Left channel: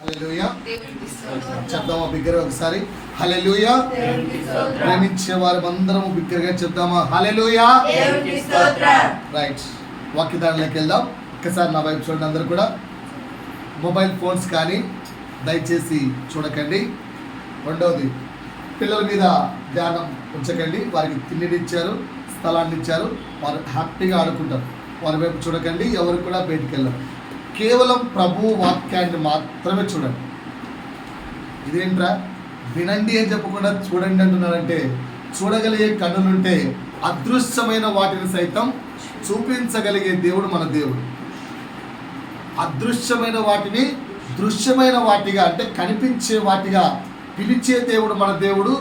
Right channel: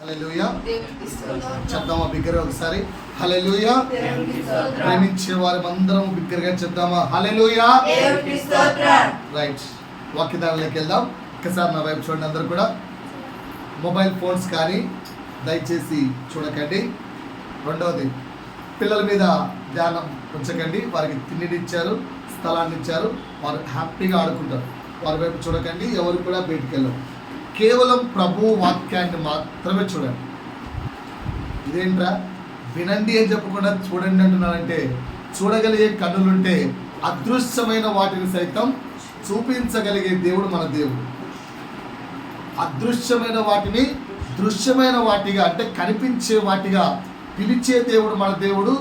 హల్లెలూయా. చెప్దామా బిగ్గరగా ఒకసారి హల్లెలూయా. ప్రేమించే వారు అందరం బిగ్గరగా చెప్దామా హల్లెలూయా. రైట్, వాక్యదారులోకి వెళ్దాం. ఒక్కసారి నా వైపు చూడండి. అందరూ కూడా మొబైల్ ఫోన్స్ కానీ దయచేసి చూడకండి. రెండవది, పిల్లల మీద ధ్యానం ఉంచకండి. వారికి తిండినిచ్చారు, స్థలాన్ని ఇచ్చారు, వారు హ్యాపీగా ఆడుకుంటారు. వారి వైపు చూడకండి. ఎవరు కూడా బయటికి వెళ్ళరు. కేవలం ప్రభు వాక్యాన్ని మాత్రమే చూడండి. ఇదేంట్రా వినండి అని చెప్పకుండా చూడండి అంటున్నారంటే, చూడగలిగే కన్నులుంటే అదృశ్యమైన వాటిని సైతం చూపించగలిగే దేవుడు మన దేవుడు. అదృశ్యమైన వాటిని దృశ్యమైన వాటిగా, అంటే కనిపించే వాటిగా పిలిచే దేవుడు మన దేవుడు,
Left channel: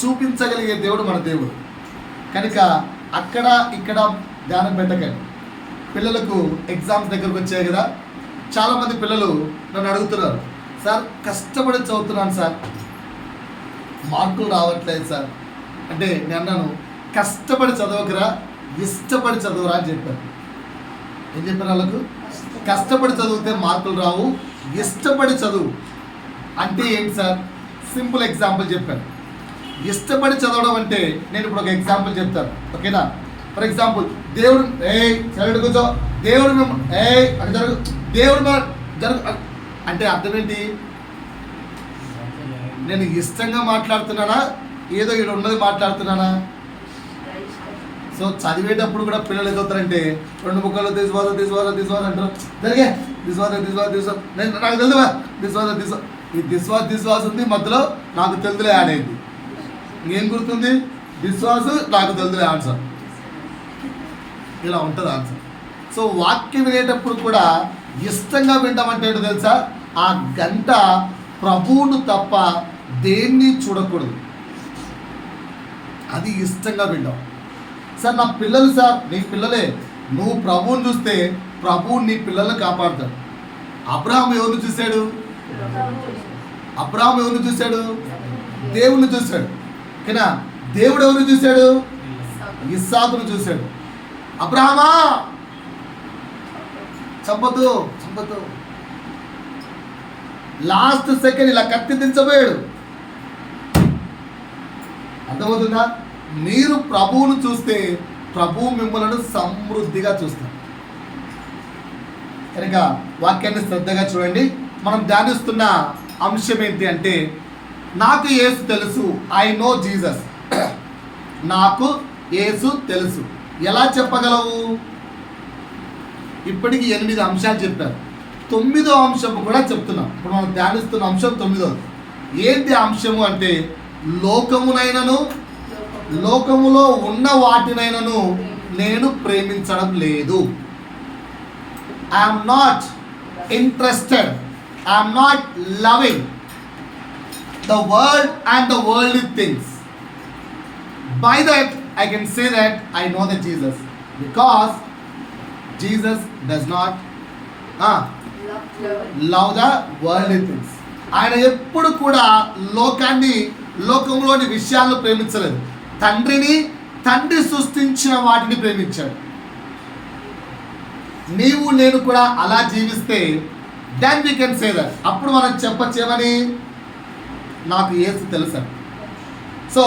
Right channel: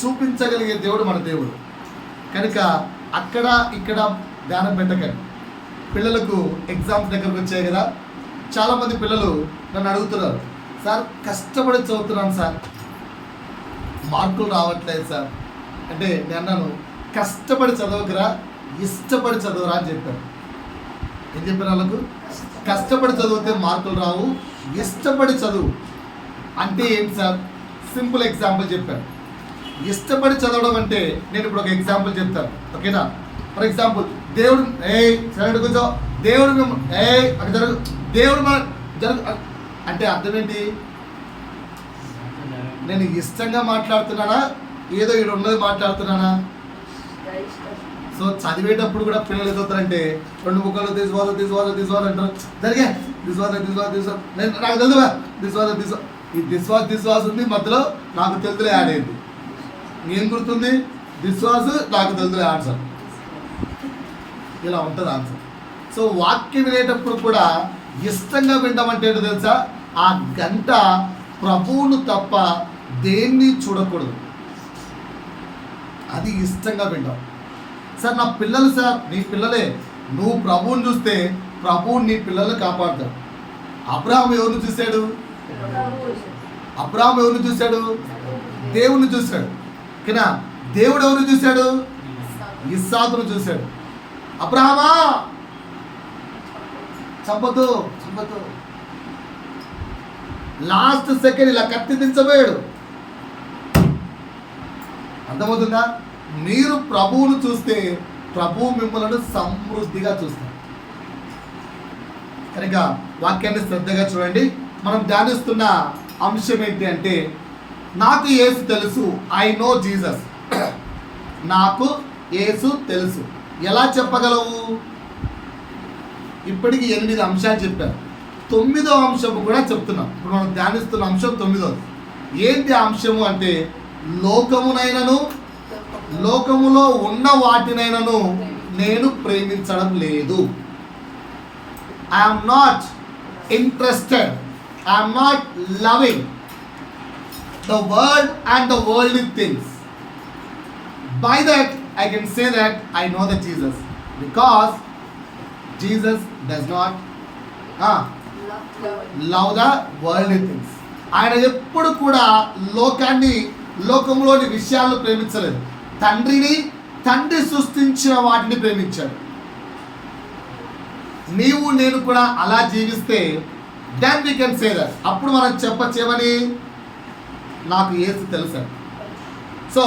చూపించగలిగే దేవుడు మన దేవుడు. కనుక అక్కడ ఇక్కడ ధ్యానం పెట్టకండి. పిల్లలకు ఎగ్జామ్స్ దగ్గరకు వచ్చాయి కదా, చాలామంది పిల్లలు నన్ను అడుగుతున్నారు, సార్ కష్టపడి చదువుతున్నాను సార్, మార్కులు రావట్లేదు సార్ అంటే నేను అన్నాను, కష్టపడి చదవకురా, ఇష్టపడి చదువురా అని చెప్పాను. ఏం చెప్పాను వాళ్ళకు? కష్టపడి చదివితే మార్కులు రావు, ఇష్టపడి చదువు అంటే ఏంటి సార్? సింపుల్ ఎగ్జాంపుల్ చెప్పాను. ఇష్టపడి చదవడం అంటే నేను ఇప్పుడు ఒక ఎగ్జాంపుల్ చెప్తాను, ఓకేనా? ఫర్ ఎగ్జాంపుల్, దేవుడు సైడ్ కూర్చో, దేవుడు అక్కడ జరుగు, దేవుడు జరుగు అంటే అర్థం ఏంటి? నేను ఇష్టంగా మాట్లాడుతున్నానా, ఏదో ఇక్కడ ఉన్నది మాట్లాడుతున్నానా? సో చదివేటప్పుడు కూడా పిల్లలు ఎదుగుతారంటే రెండు ముక్కలు దిస్వాద అంటారు, జరిగే దిస్వాద నేను నాకు తెలుదువా దిస్వాద ఈ దిస్వాస్ ఉంది మధ్యలో, నాకు తెలుదులే యాడ్ అయింది. ఇంకేం గుర్తుంది? దిస్వాసు, నాకు తెలుదులే ఆన్సర్. ఇలా ఉంటుంది ఆన్సర్. సో వాక్యం వినేటప్పుడు కూడా ఇష్టంగా వినడం ఏంటో తెలుసా? ఆ గంట ప్రభువును తప్ప దేన్ని చూడకూడదు, అది ఇష్టంగా వినడం. సార్ నా పిల్లలు, సార్ నీ పిల్లలే, నువ్వు ప్రభువుని చూస్తే ప్రభువు నీ పిల్లల్ని కాపాడుతాడు. అబ్రహాం ఎవరిని చూశాడు? అబ్రహాం ఎవరిని చూశాడు? దేవుణ్ణి చూశాడు. ఓకేనా? దేవుడు ఎవరిని చూశాడు? ఇస్సాకును చూశాడు. అబ్రహామా చంపదు, లాస్ట్ సెకండ్ ఇలా కత్తి దించబోయాడు. అర్థమవుతుందా? మీరు ప్రభువును చూస్తే ప్రభువు మిమ్మల్ని సమృద్ధిగా చూస్తారు. కనుక వాక్యాన్ని శ్రద్ధగా చూడండి. మనం ధ్యానిస్తున్న అంశం ఏంటి అంటే, నాకు యేసు తెలుసు, ఐ నో జీసస్. నాకు యేసు తెలుసు. ఎలా చెప్పగలవు? ఇప్పటికి 8 అంశాలు చెప్పారు. 9వ అంశము కూడా చెప్తున్నాం. ఇప్పుడు మనం ధ్యానిస్తున్న అంశం 9వది. ఏంటి అంశము అంటే, లోకమునైనను లోకములో ఉన్న వాటినైనను నేను ప్రేమించడం లేదు. I'm not interested, I'm not loving the world and the worldly things. By that I can say that I know the Jesus, because Jesus does not love the worldly things. ఆయన ఎప్పుడు కూడా లోకంలోని విషయాలను ప్రేమించలేదు. తండ్రి సృష్టించిన వాటిని ప్రేమించాడు. నీవు నేను కూడా అలా జీవిస్తే then we can say that, అప్పుడు మనం చెప్పచ్చేమని, నాకు యేసు తెలుసు. సో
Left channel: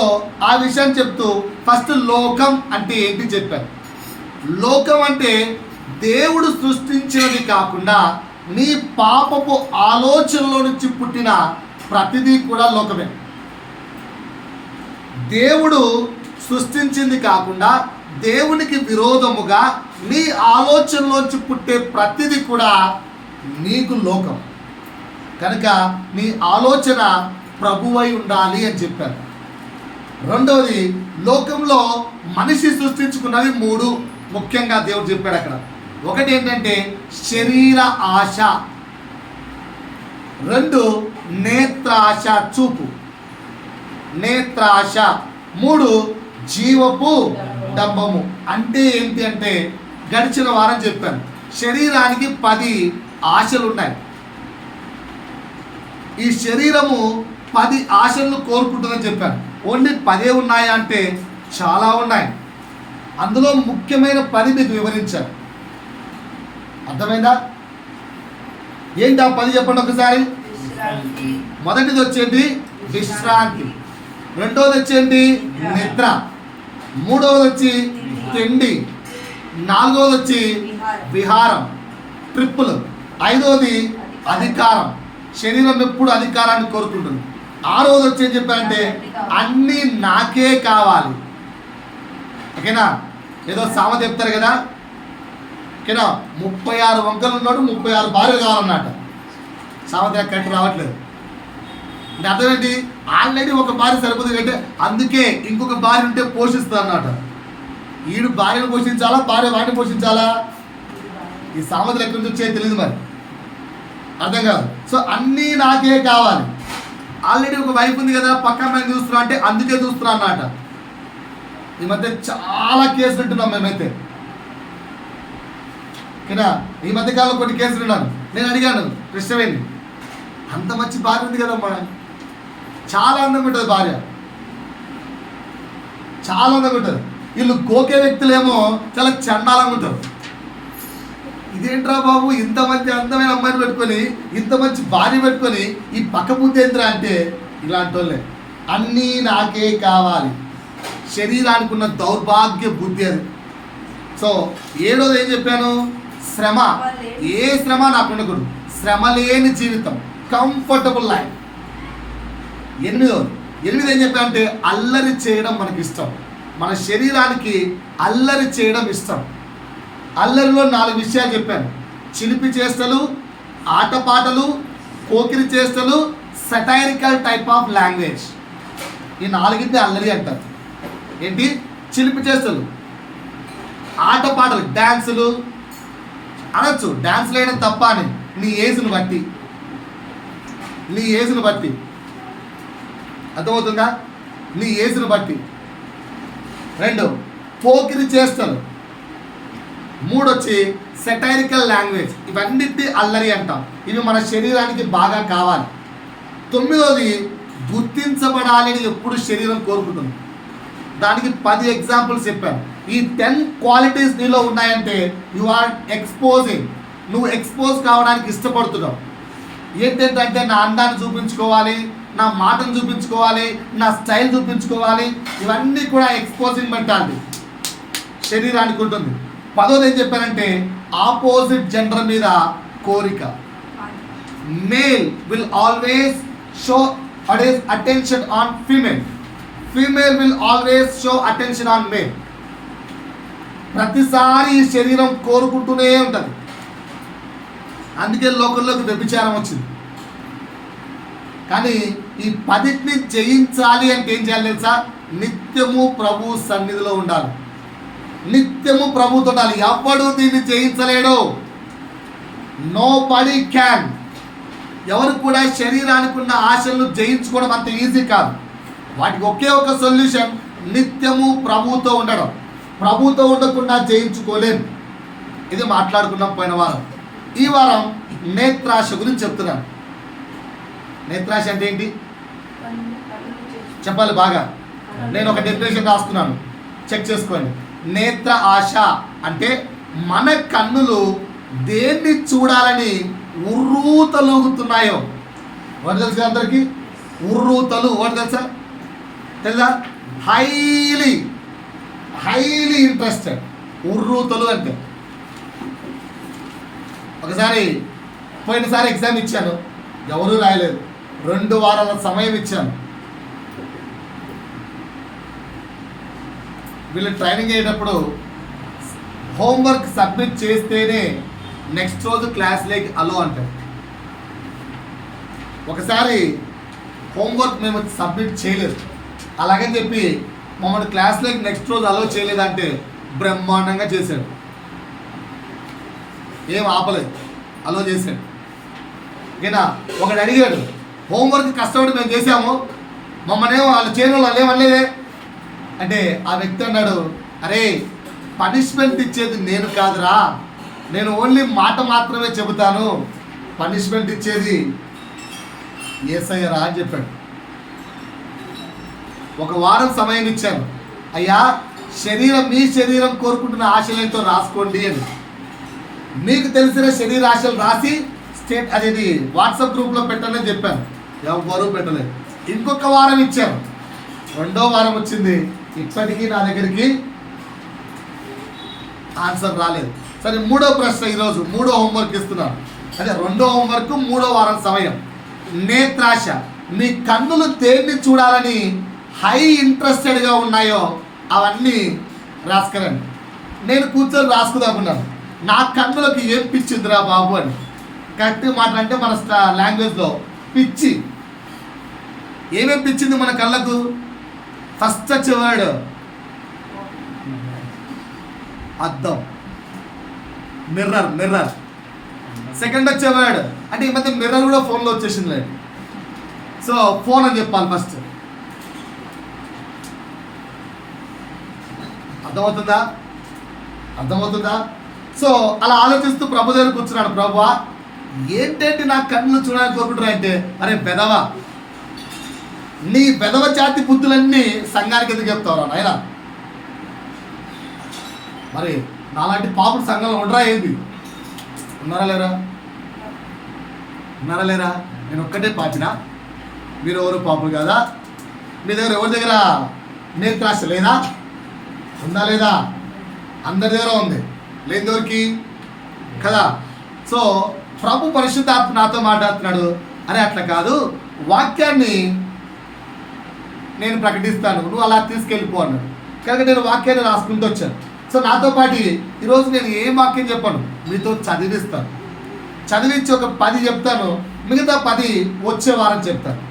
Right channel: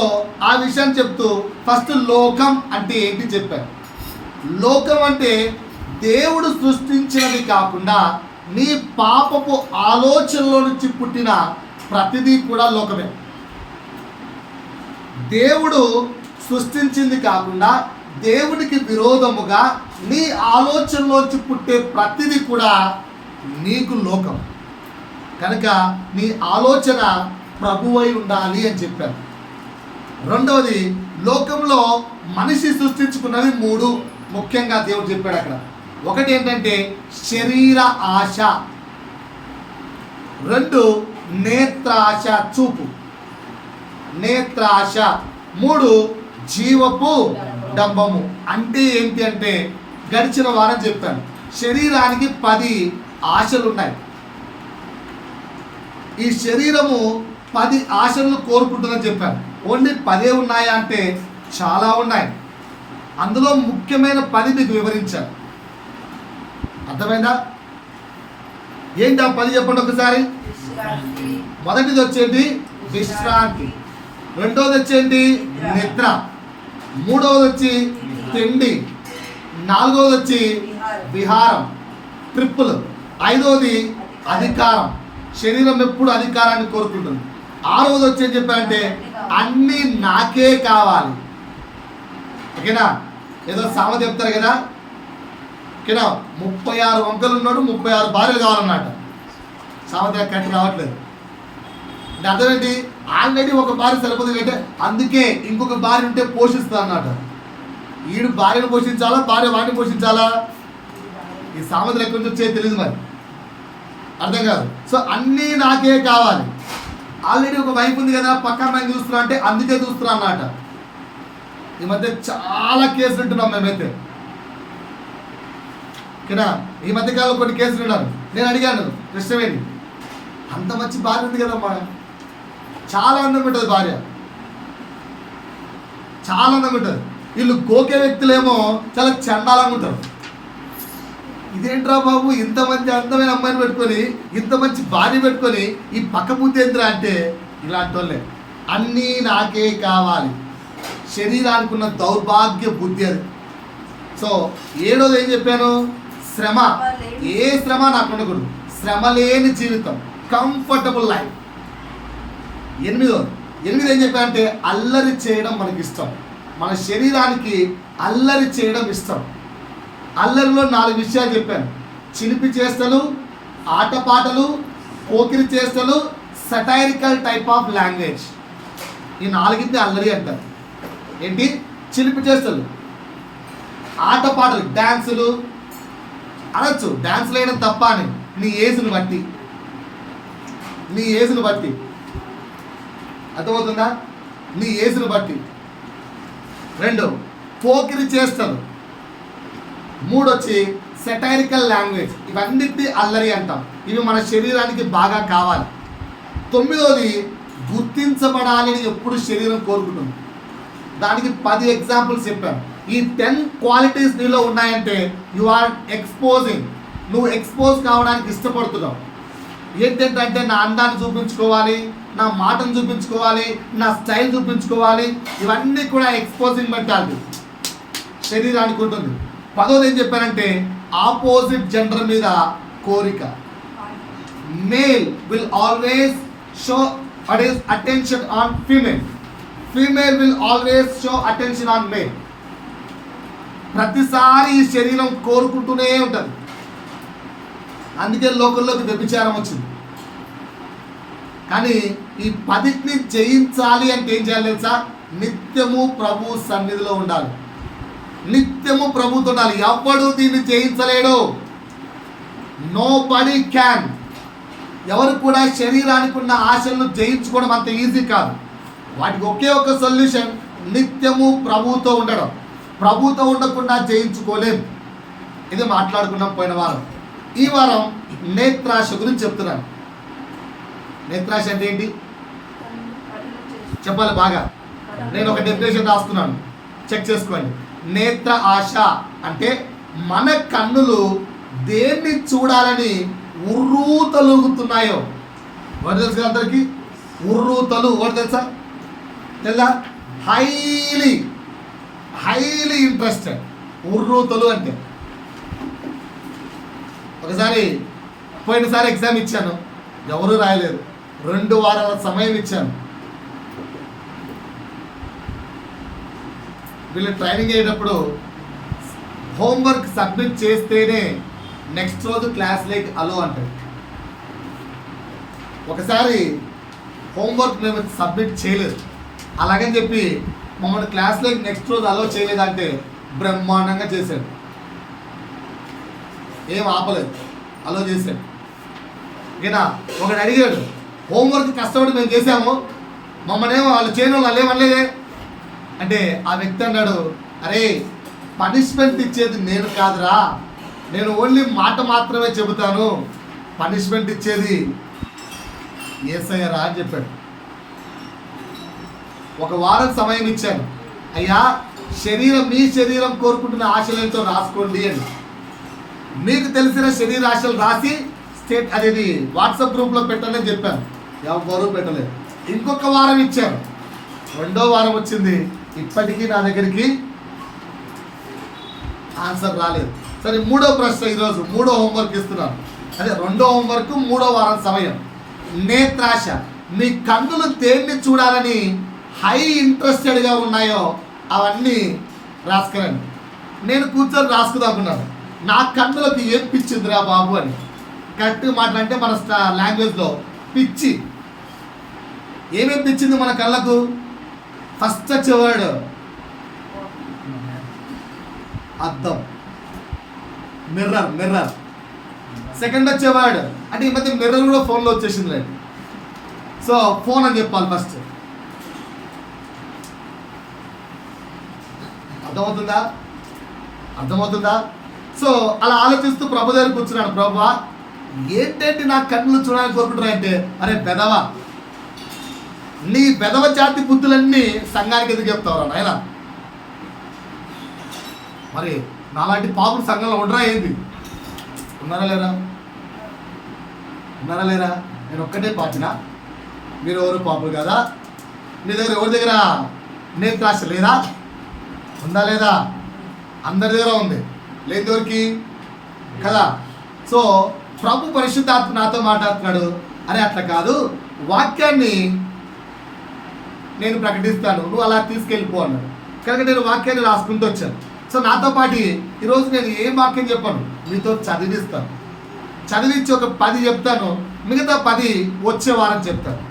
ఆ విషయాన్ని చెప్తూ ఫస్ట్ లోకం అంటే ఏంటి చెప్పాను. లోకం అంటే దేవుడు సృష్టించినది కాకుండా నీ పాపపు ఆలోచనలో నుంచి పుట్టిన ప్రతిదీ కూడా లోకమే. దేవుడు సృష్టించింది కాకుండా దేవునికి విరోధముగా నీ ఆలోచనలోంచి పుట్టే ప్రతిదీ కూడా నీకు లోకం. కనుక నీ ఆలోచన ప్రభువై ఉండాలి అని చెప్పారు. రెండవది, లోకంలో మనిషి సృష్టించుకున్నవి 3 ముఖ్యంగా దేవుడు చెప్పాడు అక్కడ. ఒకటి ఏంటంటే శరీర ఆశ, 2 నేత్రాశ, చూపు నేత్రాశ, 3 జీవపు డంబము. అంటే ఏంటి అంటే, గడిచిన వారం చెప్పాను, శరీరానికి 10 ఆశలు ఉన్నాయి. ఈ శరీరము 10 ఆశలను కోరుకుంటుందని చెప్పాను. ఓన్లీ 10 ఉన్నాయా అంటే చాలా ఉన్నాయి. అందులో ముఖ్యమైన 10 మీకు వివరించాను. అర్థమైందా? ఏంటి ఆ 10 చెప్పండి ఒకసారి. మొదటిది వచ్చేది విశ్రాంతి, రెండోది వచ్చేది నిద్ర, మూడవది వచ్చి తిండి, నాలుగవది వచ్చి విహారం, ట్రిప్పులు, ఐదవది అధికారం. శరీరం ఎప్పుడు అధికారాన్ని కోరుకుంటుంది. ఆరవది వచ్చేది చెప్పారంటే అన్నీ నాకే కావాలి. ఓకేనా? ఏదో సామెత చెప్తారు కదా, ఓకేనా, 36 వంకలు ఉన్నాడు 36 భార్యలు కావాలన్నమాట. సామెత కరెక్ట్ రావట్లేదు అంటే అర్థం ఏంటి? ఆల్రెడీ ఒక భార్య సరిపోతుంది అంటే అందుకే ఇంకొక భార్య ఉంటే పోషిస్తుంది అన్నమాట. వీడు భార్యను పోషించాలా, భార్య వాటిని పోషించాలా? ఈ సామెతలు ఎక్కడి నుంచి వచ్చాయో తెలియదు, మరి అర్థం కాదు. సో అన్నీ నాకే కావాలి. ఆల్రెడీ ఒక వైఫ్ ఉంది కదా, పక్క అమ్మాయిని చూస్తున్నా అంటే అందుకే చూస్తున్నా అన్నమాట. ఈ మధ్య చాలా కేసులు ఉంటున్నాం మేమైతే, ఓకేనా? ఈ మధ్యకాలంలో కొన్ని కేసులు ఉన్నాను. నేను అడిగాను కృష్ణవేణి, అంత మంచి భార్య ఉంది కదమ్మా, చాలా అందంగా ఉంటుంది భార్య, చాలా అందంగా ఉంటుంది. వీళ్ళు గోకే వ్యక్తులేమో చాలా చండాలంగా ఉంటారు. ఇదేంట్రా బాబు, ఇంత మంచి అందమైన అమ్మాయిని పెట్టుకొని ఇంత మంచి భార్య పెట్టుకొని ఈ పక్క బుద్ధి ఏంట్రా అంటే ఇలాంటి వాళ్ళే. అన్నీ నాకే కావాలి, శరీరానికి ఉన్న దౌర్భాగ్య బుద్ధి అది. సో ఏడోది ఏం చెప్పాను? శ్రమ. ఏ శ్రమ నాకు ఉండకూడదు, శ్రమ లేని జీవితం, కంఫర్టబుల్ లైఫ్. ఎనిమిది ఏం చెప్పానంటే అల్లరి చేయడం మనకి ఇష్టం. మన శరీరానికి అల్లరి చేయడం ఇష్టం. అల్లరిలో 4 విషయాలు చెప్పాను: చిలిపి చేష్టలు, ఆటపాటలు, పోకిరి చేష్టలు, సటైరికల్ టైప్ ఆఫ్ లాంగ్వేజ్. ఈ 4ని అల్లరి అంటారు. ఏంటి? చిలిపి చేష్టలు, ఆటపాటలు, డ్యాన్సులు అనొచ్చు. డ్యాన్సులు వేయడం తప్ప అని నీ ఏజ్ను బట్టి అర్థమవుతుందా? నీ ఏజ్ను బట్టి. 2 పోకిరి చేష్టలు, 3 వచ్చి సెటైరికల్ లాంగ్వేజ్. ఇవన్నిటిని అల్లరి అంటాం. ఇవి మన శరీరానికి బాగా కావాలి. 9వది గుర్తించబడాలని ఎప్పుడు శరీరం కోరుకుంటుంది. దానికి 10 ఎగ్జాంపుల్స్ చెప్పాను. ఈ 10 క్వాలిటీస్ నీలో ఉన్నాయంటే యు ఆర్ ఎక్స్పోజింగ్, నువ్వు ఎక్స్పోజ్ కావడానికి ఇష్టపడుతున్నావు. ఏంటంటే నా అందాన్ని చూపించుకోవాలి, నా మాటను చూపించుకోవాలి, నా స్టైల్ చూపించుకోవాలి. ఇవన్నీ కూడా ఎక్స్పోజింగ్ మెంటాలిటీ శరీరానికి ఉంటుంది. 10వది ఏం చెప్పానంటే ఆపోజిట్ జెండర్ మీద కోరిక. Male will always show attention on female, female will always show attention on male. ప్రతిసారి ఈ శరీరం కోరుకుంటూనే ఉంటుంది. అందుకే లోకంలోకి వ్యభిచారం వచ్చింది. కానీ ఈ 10ని జయించాలి అంటే ఏం చేయాలి తెలుసా? నిత్యము ప్రభు సన్నిధిలో ఉండాలి, నిత్యము ప్రభుతో ఉండాలి. ఎవడు దీన్ని జయించలేడు. No body can. ఎవరు కూడా శరీరానికి ఉన్న ఆశలను జయించుకోవడం అంత ఈజీ కాదు. వాటికి ఒకే ఒక సొల్యూషన్, నిత్యము ప్రభుతో ఉండడం. ప్రభుతో ఉండకుండా జయించుకోలేం. ఇది మాట్లాడుకున్నాం పోయిన వారం. ఈ వారం నేత్రాశ గురించి చెప్తున్నాను. నేత్రాశ అంటే ఏంటి చెప్పాలి బాగా. నేను ఒక డెఫినేషన్ రాస్తున్నాను, చెక్ చేసుకోండి. నేత్ర ఆశ అంటే మన కన్నులు దేన్ని చూడాలని ఉర్రూతలుగుతున్నాయో. వాడు తెలుసు అందరికీ ఉర్రూతలు. వాడు తెలుసా? Highly interested. ఉర్రూతలు అంటే పోయినసారి ఎగ్జామ్ ఇచ్చాను, ఎవరూ రాయలేదు. 2 వారాల సమయం ఇచ్చాను. వీళ్ళు ట్రైనింగ్ అయ్యేటప్పుడు హోంవర్క్ సబ్మిట్ చేస్తేనే నెక్స్ట్ రోజు క్లాస్లోకి అలో అంటాడు. ఒకసారి హోంవర్క్ మేము సబ్మిట్ చేయలేదు, అలాగని చెప్పి మమ్మల్ని క్లాస్లోకి నెక్స్ట్ రోజు అలో చేయలేదంటే బ్రహ్మాండంగా చేశాడు. ఏం ఆపలేదు, అలో చేశాడు. ఓకేనా? ఒకడు అడిగాడు, హోంవర్క్ కష్టపడి మేము చేసాము, మమ్మల్ని ఏమో వాళ్ళు చేయను, వాళ్ళు ఏమనలేదే అంటే ఆ వ్యక్తి అన్నాడు, అరే పనిష్మెంట్ ఇచ్చేది నేను కాదురా, నేను ఓన్లీ మాట మాత్రమే చెబుతాను, పనిష్మెంట్ ఇచ్చేది యేసయ్యరా అని చెప్పాడు. 1 వారం సమయం ఇచ్చాను, అయ్యా మీ శరీరం కోరుకుంటున్న ఆశలేంటో రాసుకోండి అని. మీకు తెలిసిన శరీర ఆశలు రాసి అదేది వాట్సాప్ గ్రూప్లో పెట్టండి చెప్పాను. ఎవరు పెట్టలేదు. ఇంకొక వారం ఇచ్చారు, రెండో వారం వచ్చింది, ఇప్పటికీ నా దగ్గరికి ఆన్సర్ రాలేదు. సరే, మూడో ప్రశ్న ఈరోజు, మూడో హోంవర్క్ ఇస్తున్నాను. అదే రెండో హోంవర్క్, మూడో వారం సమయం. నేత్రాశ. మీ కన్నులు దేన్ని చూడాలని హై ఇంట్రెస్టెడ్గా ఉన్నాయో అవన్నీ రాసుకురండి. నేను కూర్చొని రాసుకుందామన్నాను, నా కన్నులకు ఏం పిచ్చిందిరా బాబు అని. కరెక్ట్గా మాట్లాడంటే మన లాంగ్వేజ్లో పిచ్చి. ఏమేమి పిచ్చింది మన కళ్ళకు? ఫస్ట్ వచ్చేవాడు అద్దం, మిర్రర్. సెకండ్ వచ్చేవాడు అంటే ఈ మధ్య మిర్రర్ కూడా ఫోన్లో వచ్చేసింది లేదు. సో ఫోన్ అని చెప్పాలి ఫస్ట్. అర్థమవుతుందా? సో అలా ఆలోచిస్తూ ప్రభు దగ్గర కూర్చున్నాడు. ప్రభువా, ఏంటంటే నా కన్నులు చూడాలని కోరుకుంటున్నా అంటే, అరే బెదవా, నీ బెదవ జాతి బుద్ధులన్నీ సంఘానికి ఎందుకు చెప్తావురా నాయనా? మరి నాలాంటి పాపులు సంఘంలో ఉండరా ఏంది? ఉన్నారా లేరా? నేను ఒక్కటే పాపినా? మీరు ఎవరు పాపులు కదా? మీ దగ్గర ఎవరి దగ్గర నేత్రాశ లేదా? ఉందా లేదా? అందరి దగ్గర ఉంది, లేని ఎవరికి కదా? సో ప్రభు పరిశుద్ధాత్మ నాతో మాట్లాడుతున్నాడు, అరే అట్లా కాదు, వాక్యాన్ని నేను ప్రకటిస్తాను, నువ్వు అలా తీసుకెళ్ళిపో అన్నాడు. కనుక నేను వాక్యాన్ని రాసుకుంటూ వచ్చాను. సో నాతో పాటు ఈరోజు నేను ఏం వాక్యం చెప్పాను, మీతో చదివిస్తాను. చదివించి ఒక 10 చెప్తాను, మిగతా 10 వచ్చే వారం చెప్తాను.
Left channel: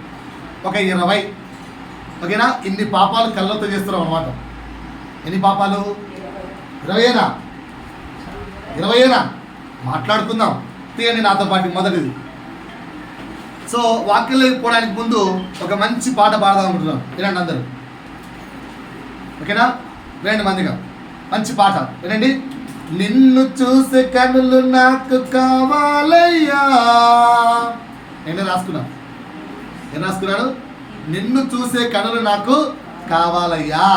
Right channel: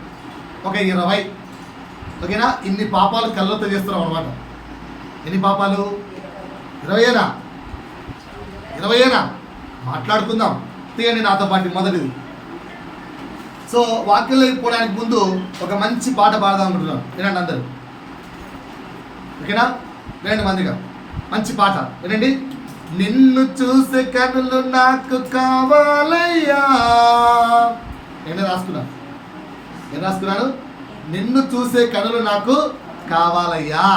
ఒక 20, ఓకేనా? ఇన్ని పాపాలు కళ్ళతో చేస్తున్నాం అనమాట. ఎన్ని పాపాలు? 20 మాట్లాడుకుందాం. తీయండి నాతో పాటు. మొదటిది, సో వాక్యంలోకి పోవడానికి ముందు ఒక మంచి పాట పాడదాం అనుకుంటున్నాను. వినండి అందరూ, ఓకేనా? వినండి మందిగా, మంచి పాట వినండి. నిన్ను చూసే కనులు నాకు కావాలయ్యా. నేను రాసుకున్నాను, నిన్ను చూసే కనులు నాకు కావాలయ్యా,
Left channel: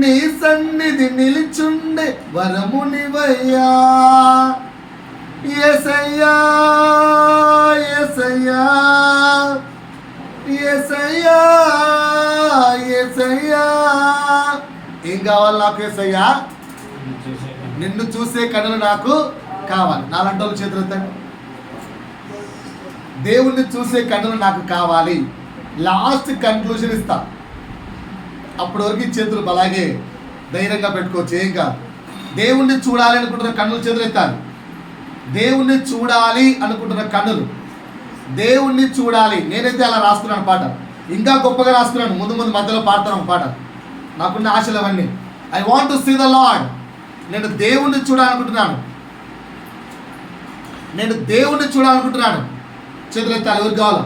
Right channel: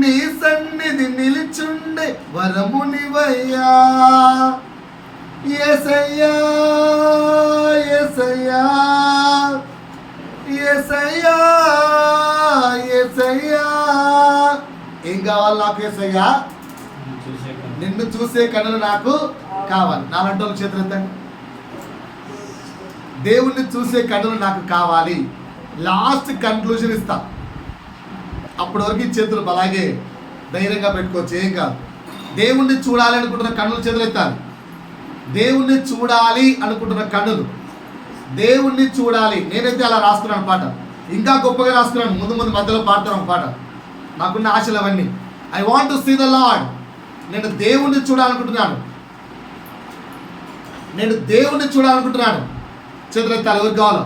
నీ సన్నిధి నిలిచుండే వరమునివయ్యా, యేసయ్యా యేసయ్యా యేసయ్యా యేసయ్యా. ఏం కావాలి నాకు? యేసయ్యా, నిన్ను చూసే కనులు నాకు కావాలి. నాలంటి వాళ్ళు చేతులు ఎత్తండి. దేవుణ్ణి చూసే కనులు నాకు కావాలి. లాస్ట్ కన్క్లూజన్ ఇస్తా, అప్పటి వరకు చేతులు అలాగే ధైర్యంగా పెట్టుకోవచ్చు, ఏం కాదు. దేవుణ్ణి చూడాలి అనుకుంటున్న కన్నులు చేతులు ఎత్తాలి. దేవుణ్ణి చూడాలి అనుకుంటున్న కన్నులు, దేవుణ్ణి చూడాలి. నేనైతే అలా రాసుకున్నాను పాట, ఇంకా గొప్పగా రాసుకున్నాను. ముందు మధ్యలో పాడతాను పాట. నాకున్న ఆశలు అవన్నీ. I want to see the Lord. నేను దేవుణ్ణి చూడాలనుకుంటున్నాను. చేతులు ఎత్తాలి ఎవరికి కావాలో.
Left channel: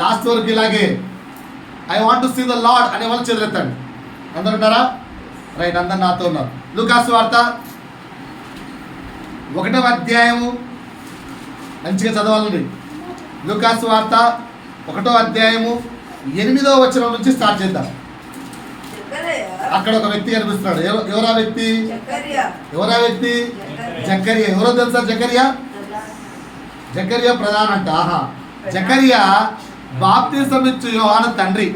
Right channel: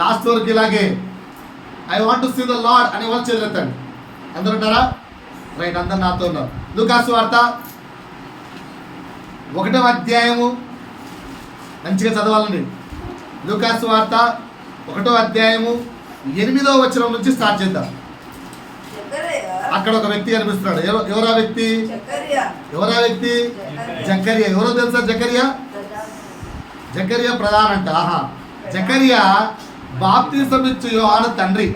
లాస్ట్ వరకు ఇలాగే I want to see the Lord అనే వాళ్ళు చేతులు ఎత్తాలి. అందరు ఉంటారా? రైట్, అందరు నాతో ఉన్నారు. లూకాసు వార్త 1వ అధ్యాయము మంచిగా చదవాలండి. లూకాసు వార్త 1వ అధ్యాయము 8వ వచనం నుంచి స్టార్ట్ చేద్దాం. అక్కడ ఒక వ్యక్తి కనిపిస్తున్నాడు. ఎవరా వ్యక్తి? జకర్యా. ఎవరో తెలుసా? జకర్యా ప్రధాన అంట. జకర్యా బాప్తిసం ఇచ్చు యోహాను తండ్రి.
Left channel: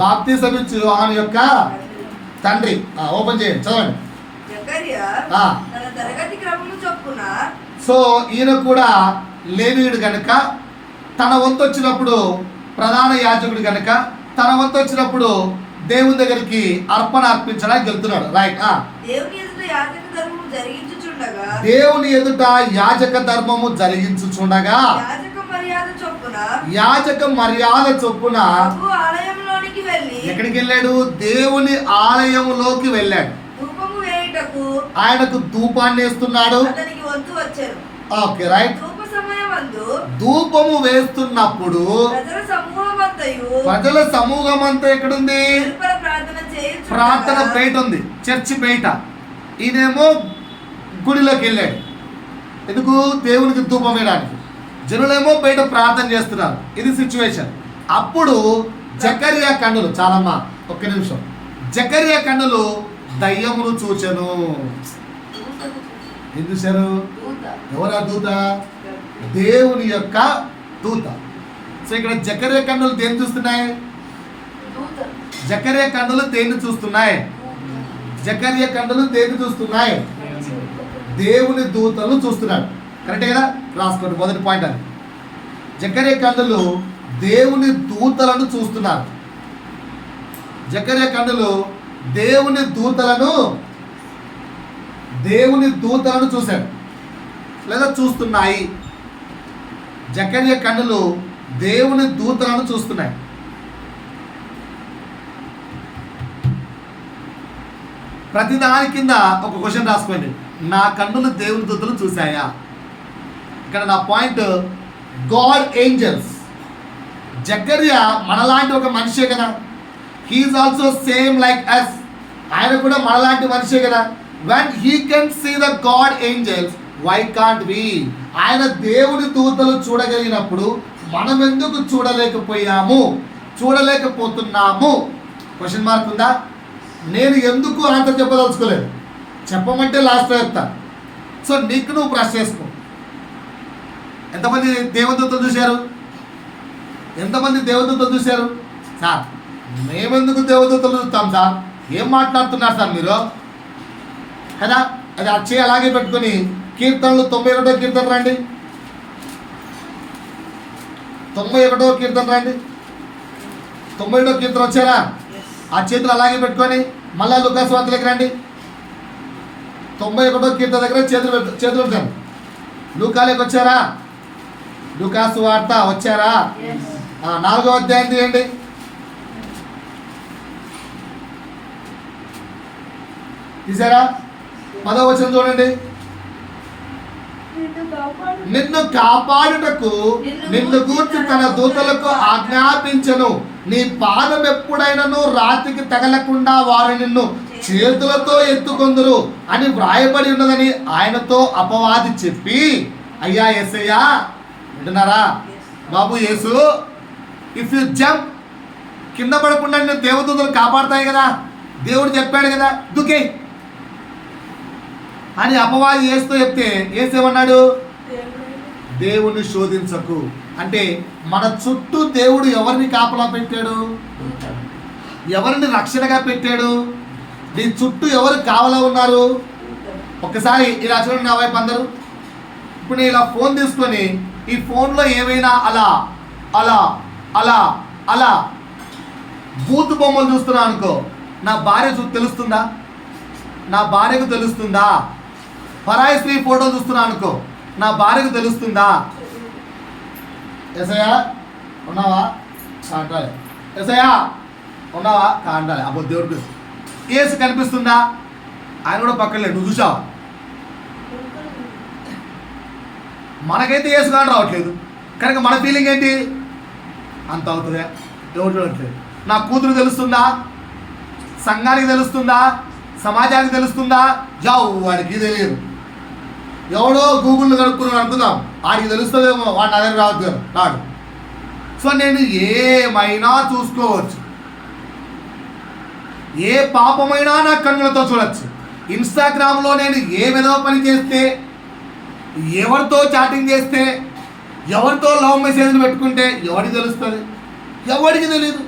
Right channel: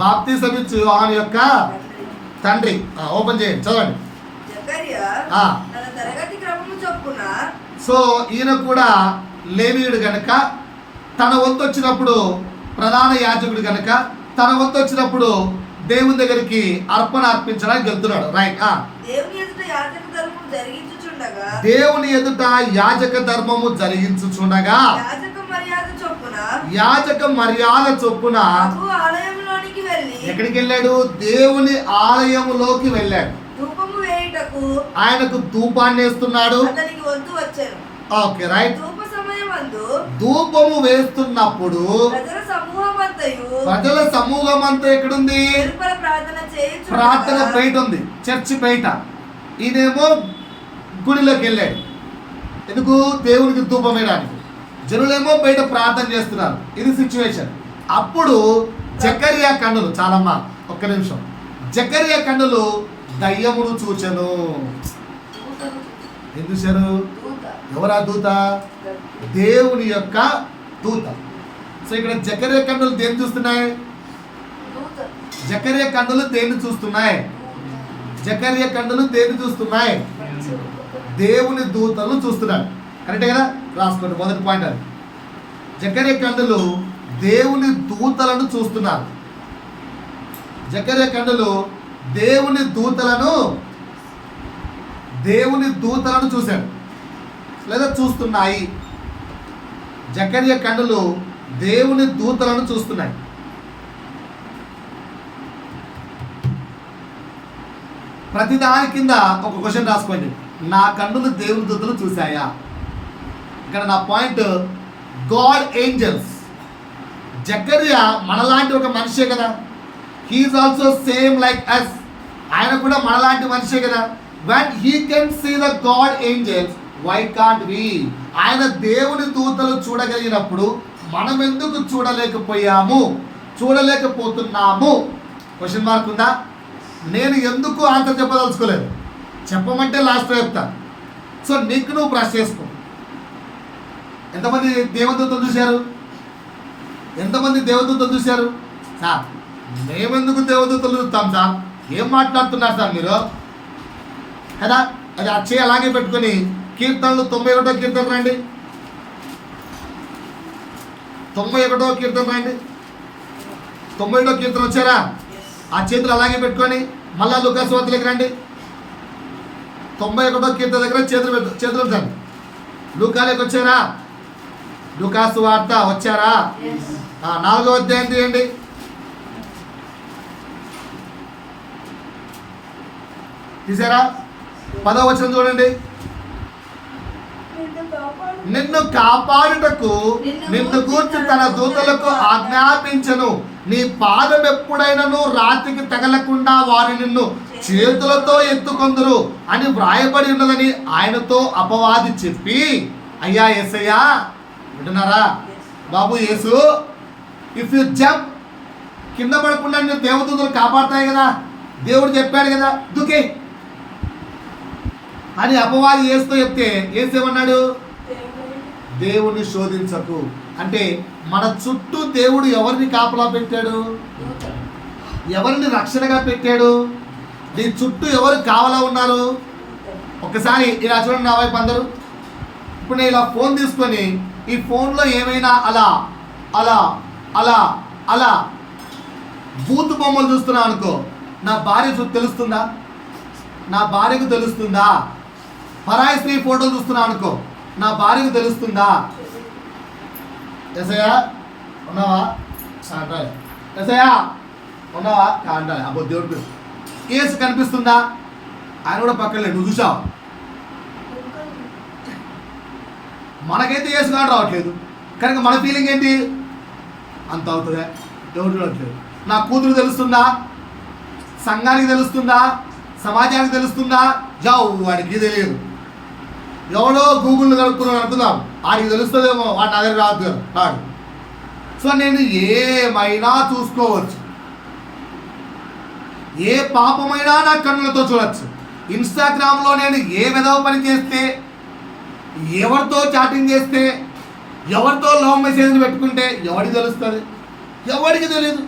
బాప్తిసం ఇచ్చు యోహాను యొక్క తండ్రి. ఓపెన్ చేయండి, చదవండి. సో ఈయన కూడా లేవీయుడు గనక తన వంతు వచ్చినప్పుడు, ప్రధాన యాజకుడు గనక తన వంతు వచ్చినప్పుడు దేవుని దగ్గరికి అర్పణ అర్పించడానికి వెళ్తున్నాడు. రైట్. దేవుని ఎదుట యాజక ధర్మము జరిగించుచుండగా యాజక మర్యాద చొప్పున ఎక్కడికి వెళ్ళాడు? దేవుని ఆలయములోకి వెళ్ళాడు. ఆయనకు ధూపాన్ని వేస్తున్నాడు. Okay, right. ధూపము వేస్తున్నప్పుడు ప్రజల సమూహం అంతా ఎక్కడుంది? ప్రార్థన బయట ఉంది, చర్చి బయట. ఈయనేమో గుడిలోకి వెళ్ళాడు. ఎందుకు? దేవునికి ధూపం వేయడానికి. జనులేమో బయట ప్రార్థన చేస్తున్నారు. ఇది సిచ్యువేషన్. అప్పుడు జకర్యా కన్నులు, చాలమ్మా ఒక్క నిమిషం, జకర్యా కన్నులు దయ్యమును చూచెను. ఏం చూశారు? ఎవరా దూత? దేవుని యొక్క దూత. సో ఇక్కడ జకర్యా కన్నులు దేన్ని చూస్తున్నాయి? జకర్యా కన్నులు దేన్ని చూస్తున్నాయి? జకర్యా కన్నులు దేన్ని చూస్తున్నాయి? దేవుని దూతలను చూస్తున్నాడు. కరెక్టే కదా? రాసుకోండి, మొదటి పాయింట్ అది. జకర్యా కన్నులు దేవుని దూతలను చూస్తున్నారు. జకర్యా కన్నులు దేవుని దూతలను చూశాడు లేదా చూస్తున్నాయి. జకర్యా కన్నులు దేవుని దూతలను చూస్తున్నాయి. ప్రతిదాని కింద ఒక క్వశ్చన్ రాసుకోండి. నా కన్నులు దేవుని దూతలు చూశాయా? ఇక్కడ నా పాయింట్, గాడ్ ఏంజల్స్. జకర్యా మనలాంటి ఒక మనిషే కదా. He's also same like us. ఆయన కూడా మనలాంటి మనిషే కదా. when he can see the God angels, why can't we? ఆయన దేవుని దూతలు చూడగలిగినప్పుడు మనం ఎందుకు చూడలేకపోతున్నాము? క్వశ్చన్ మార్క్ ఉందా? నేను ఎందుకు ఆన్సర్ చెప్పదలుచుకోలేదు, చెప్పమంటే లాస్ట్లో చెప్తా. సో నీకు నువ్వు బ్రష్ చేసుకో. ఎంతమంది దేవదూతలు చూశారు? సార్ మేమెందుకు దేవదూతలు చూస్తాం సార్? ఏం మాట్లాడుతున్నారు సార్ మీరు? కదా, అది అచ్చే అలాగే పెట్టుకొని కీర్తనలు 91వ కీర్తన రండి. 91వ కీర్తన రండి. 91వ కీర్తన వచ్చారా? ఆ చేతులు అలాగే పెట్టుకొని మళ్ళా లూకాసు వార్తలకు రండి. 91వ కీర్తన దగ్గర చేతులు ఉంచండి. లూకాలోకి వచ్చారా? లూకాసు వార్త వచ్చారా? 4వ అధ్యాయం తీయండి. తీసారా? 10వ వచనం చూడండి. నిన్ను కాపాడుటకు నిన్ను గూర్చి తన దూతలకు ఆజ్ఞాపించను. నీ పాదం ఎప్పుడైనను రాతికి తగలకుండా వారు నిన్ను చేతులతో ఎత్తుకొందురు అని వ్రాయబడి ఉన్నదని ఆయనతో అపవాది చెప్పి, అయ్యా యేసయ్యా, వింటున్నారా బాబు? యేసు, ఇఫ్ యు జంప్, కింద పడకుండా నేను దేవదూతలు కాపాడుతాయి కదా, దేవుడు చెప్పాడు కదా, దుకే అని అపవాది యేసుతో చెప్తే యేసేమన్నాడు? దేవుని శోధించకు. అంటే మన చుట్టూ దేవుడు ఎవరిని కాపలా పెట్టాడు? ఎవరిని రక్షణగా పెట్టాడు? నీ చుట్టూ ఎవరు కావలా ఉన్నారు? ఒక్కసారి ఇలా చూడండి నా వైపు అందరూ. ఇప్పుడు నేను ఇలా ఫోన్ తీసుకొని ఈ ఫోన్లో ఏమైనా అలా అలా అలా అలా బూతు బొమ్మలు చూస్తున్నా అనుకో, నా భార్య తెలుస్తుందా? నా భార్యకు తెలుస్తుందా? పరాయి స్త్రీ ఫోటో చూస్తున్నా అనుకో, నా భార్యకు తెలుస్తుందా? ఎసయ్యా ఉన్నావా? అంటాలి. ఎసయ్యా ఉన్నావా? అంటాలి. అబ్బో దేవుడు కేసు కనిపిస్తుందా? ఆయన కూడా పక్కన లేడు, నువ్వు చూసావా? మనకైతే ఏసు కానీ రావట్లేదు, కనుక మన ఫీలింగ్ ఏంటి? అంత అవుతుందా? ఎవరు చూడట్లేదు. నా కూతురు తెలుస్తుందా? సంఘానికి తెలుస్తుందా? సమాజానికి తెలుస్తుందా? జావు వాడికి తెలియదు. ఎవడో గూగుల్లో కనుక్కున్నాను అనుకుందాం, వాడికి తెలుస్తుందేమో, వాడు నా దగ్గర రావద్దు రాడు. సో నేను ఏమైనా చూసుకోవచ్చు, ఏ పాపమైనా నా కన్నులతో చూడొచ్చు. ఇన్స్టాగ్రామ్లో నేను ఏ విధవ పని చేస్తే, ఎవరితో చాటింగ్ చేస్తే, ఎవరితో లవ్ మెసేజ్లు పెట్టుకుంటే ఎవరికి తెలుస్తుంది? ఎవరికి తెలియదు.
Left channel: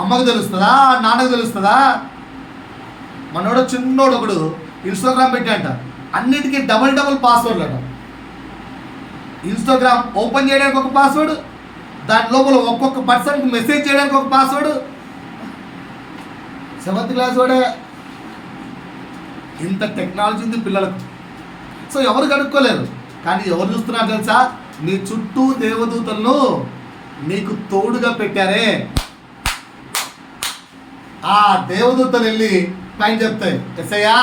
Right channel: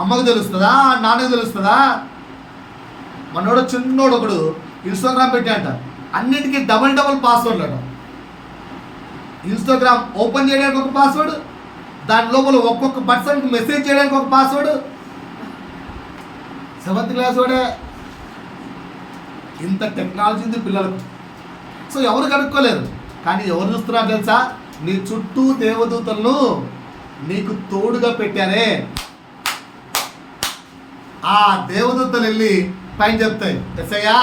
అమ్మకు తెలుస్తుందా? నాన్నకు తెలుస్తుందా? మనోడు చిన్నోడు ఒకడు ఇన్స్టాగ్రామ్ పెట్టాడంట, అన్నిటికీ డబల్ పాస్వర్డ్లు అంట. ఇన్స్టాగ్రామ్ ఓపెన్ చేయడానికి ఒక పాస్వర్డ్, దాని లోపల ఒక్కొక్క పర్సన్కి మెసేజ్ చేయడానికి ఒక పాస్వర్డ్. 7th క్లాస్ వాడే. ఇంత టెక్నాలజీ ఉంది పిల్లలకు. సో ఎవరు కనుక్కోలేరు. కానీ ఎవరు చూస్తున్నారు తెలుసా? నీ చుట్టూ దేవదూతలను నీకు తోడుగా పెట్టారే. ఆ దేవదూతలు వెళ్ళి పైన చెప్తాయి, ఎస్ఐయా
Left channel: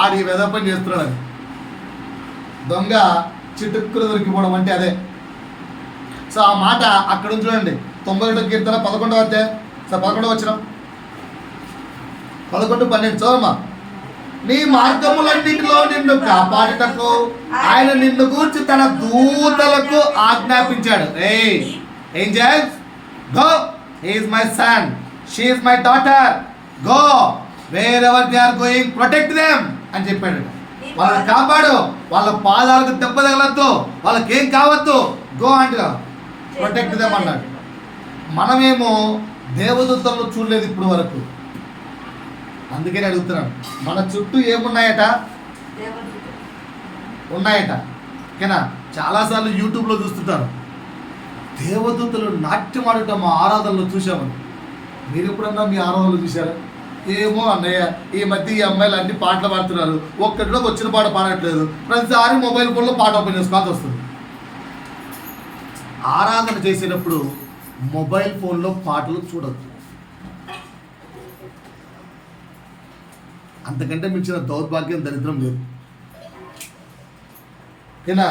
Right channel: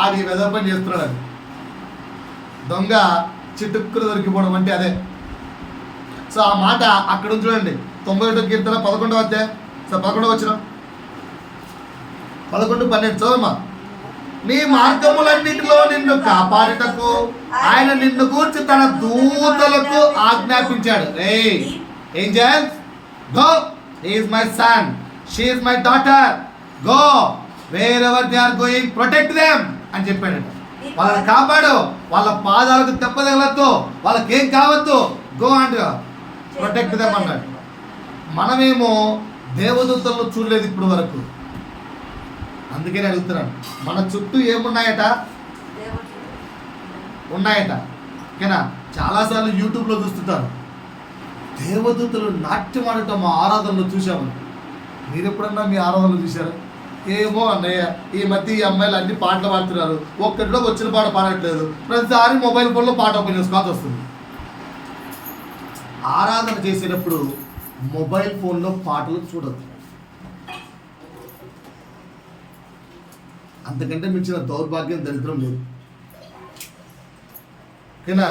ఆడి వెద పని చేస్తున్నాడని. దొంగ చిటుక్కులు దొరికిపోవడం అంటే అదే. సో ఆ మాట అక్కడ చూడండి. 91వ కీర్తన 11వ అధ్యాయం 11వ వచనం, 11-12 చదవమ్మా. నీ మార్గములన్నిటిలో నిన్ను కాపాడుటకు ఆయన నిన్ను గూర్చి తన దూతలకు ఆజ్ఞాపించాడు. Angels, go, he is my son, she is my daughter, go wherever they are going, protect them అని చెప్పాడట. వాళ్ళని కాపాడు, వాళ్ళ పాదాలకు దెబ్బ తగలొద్దు, వాళ్ళకి ఏం కావద్దు, గో అండ్ ప్రొటెక్ట్ దెమ్ అన్నాడు. మనమేమో దేవదూతలను చూడలేదు ఇప్పుడు వరకు, అందుకని అడుగుతున్నాను. మన చుట్టూ ఏమున్నాయట? ఉన్నాయట. ఓకేనా? చాలాసార్లు యూట్యూబ్లో చూస్తుంటారు, దేవదూతలు నాట్యం ఆడటం మా ఆరాధనలో చూసామని. మీరు ఎప్పుడన్నా మీ ఆరాధనలో చూసారా? ఏమో అన్నయ్య, ఈ మధ్య ఈ అమ్మాయిలు అన్ని పాటలు పాడుతున్నారు, ఒక్కటిలో వచ్చిన పాట పాడట్లేదు, ప్రతిసారి మొబైల్ ఫోన్లో పాట ఓపెన్ చేసుకోవాల్సి వస్తుంది. ఆరాధన చేసేటప్పుడు మొబైల్ ఫోన్లో పాటలు చూడద్దు. అంతకంటే మించిన దౌర్భాగ్యం, దరిద్రం లేదు. ఓకేనా?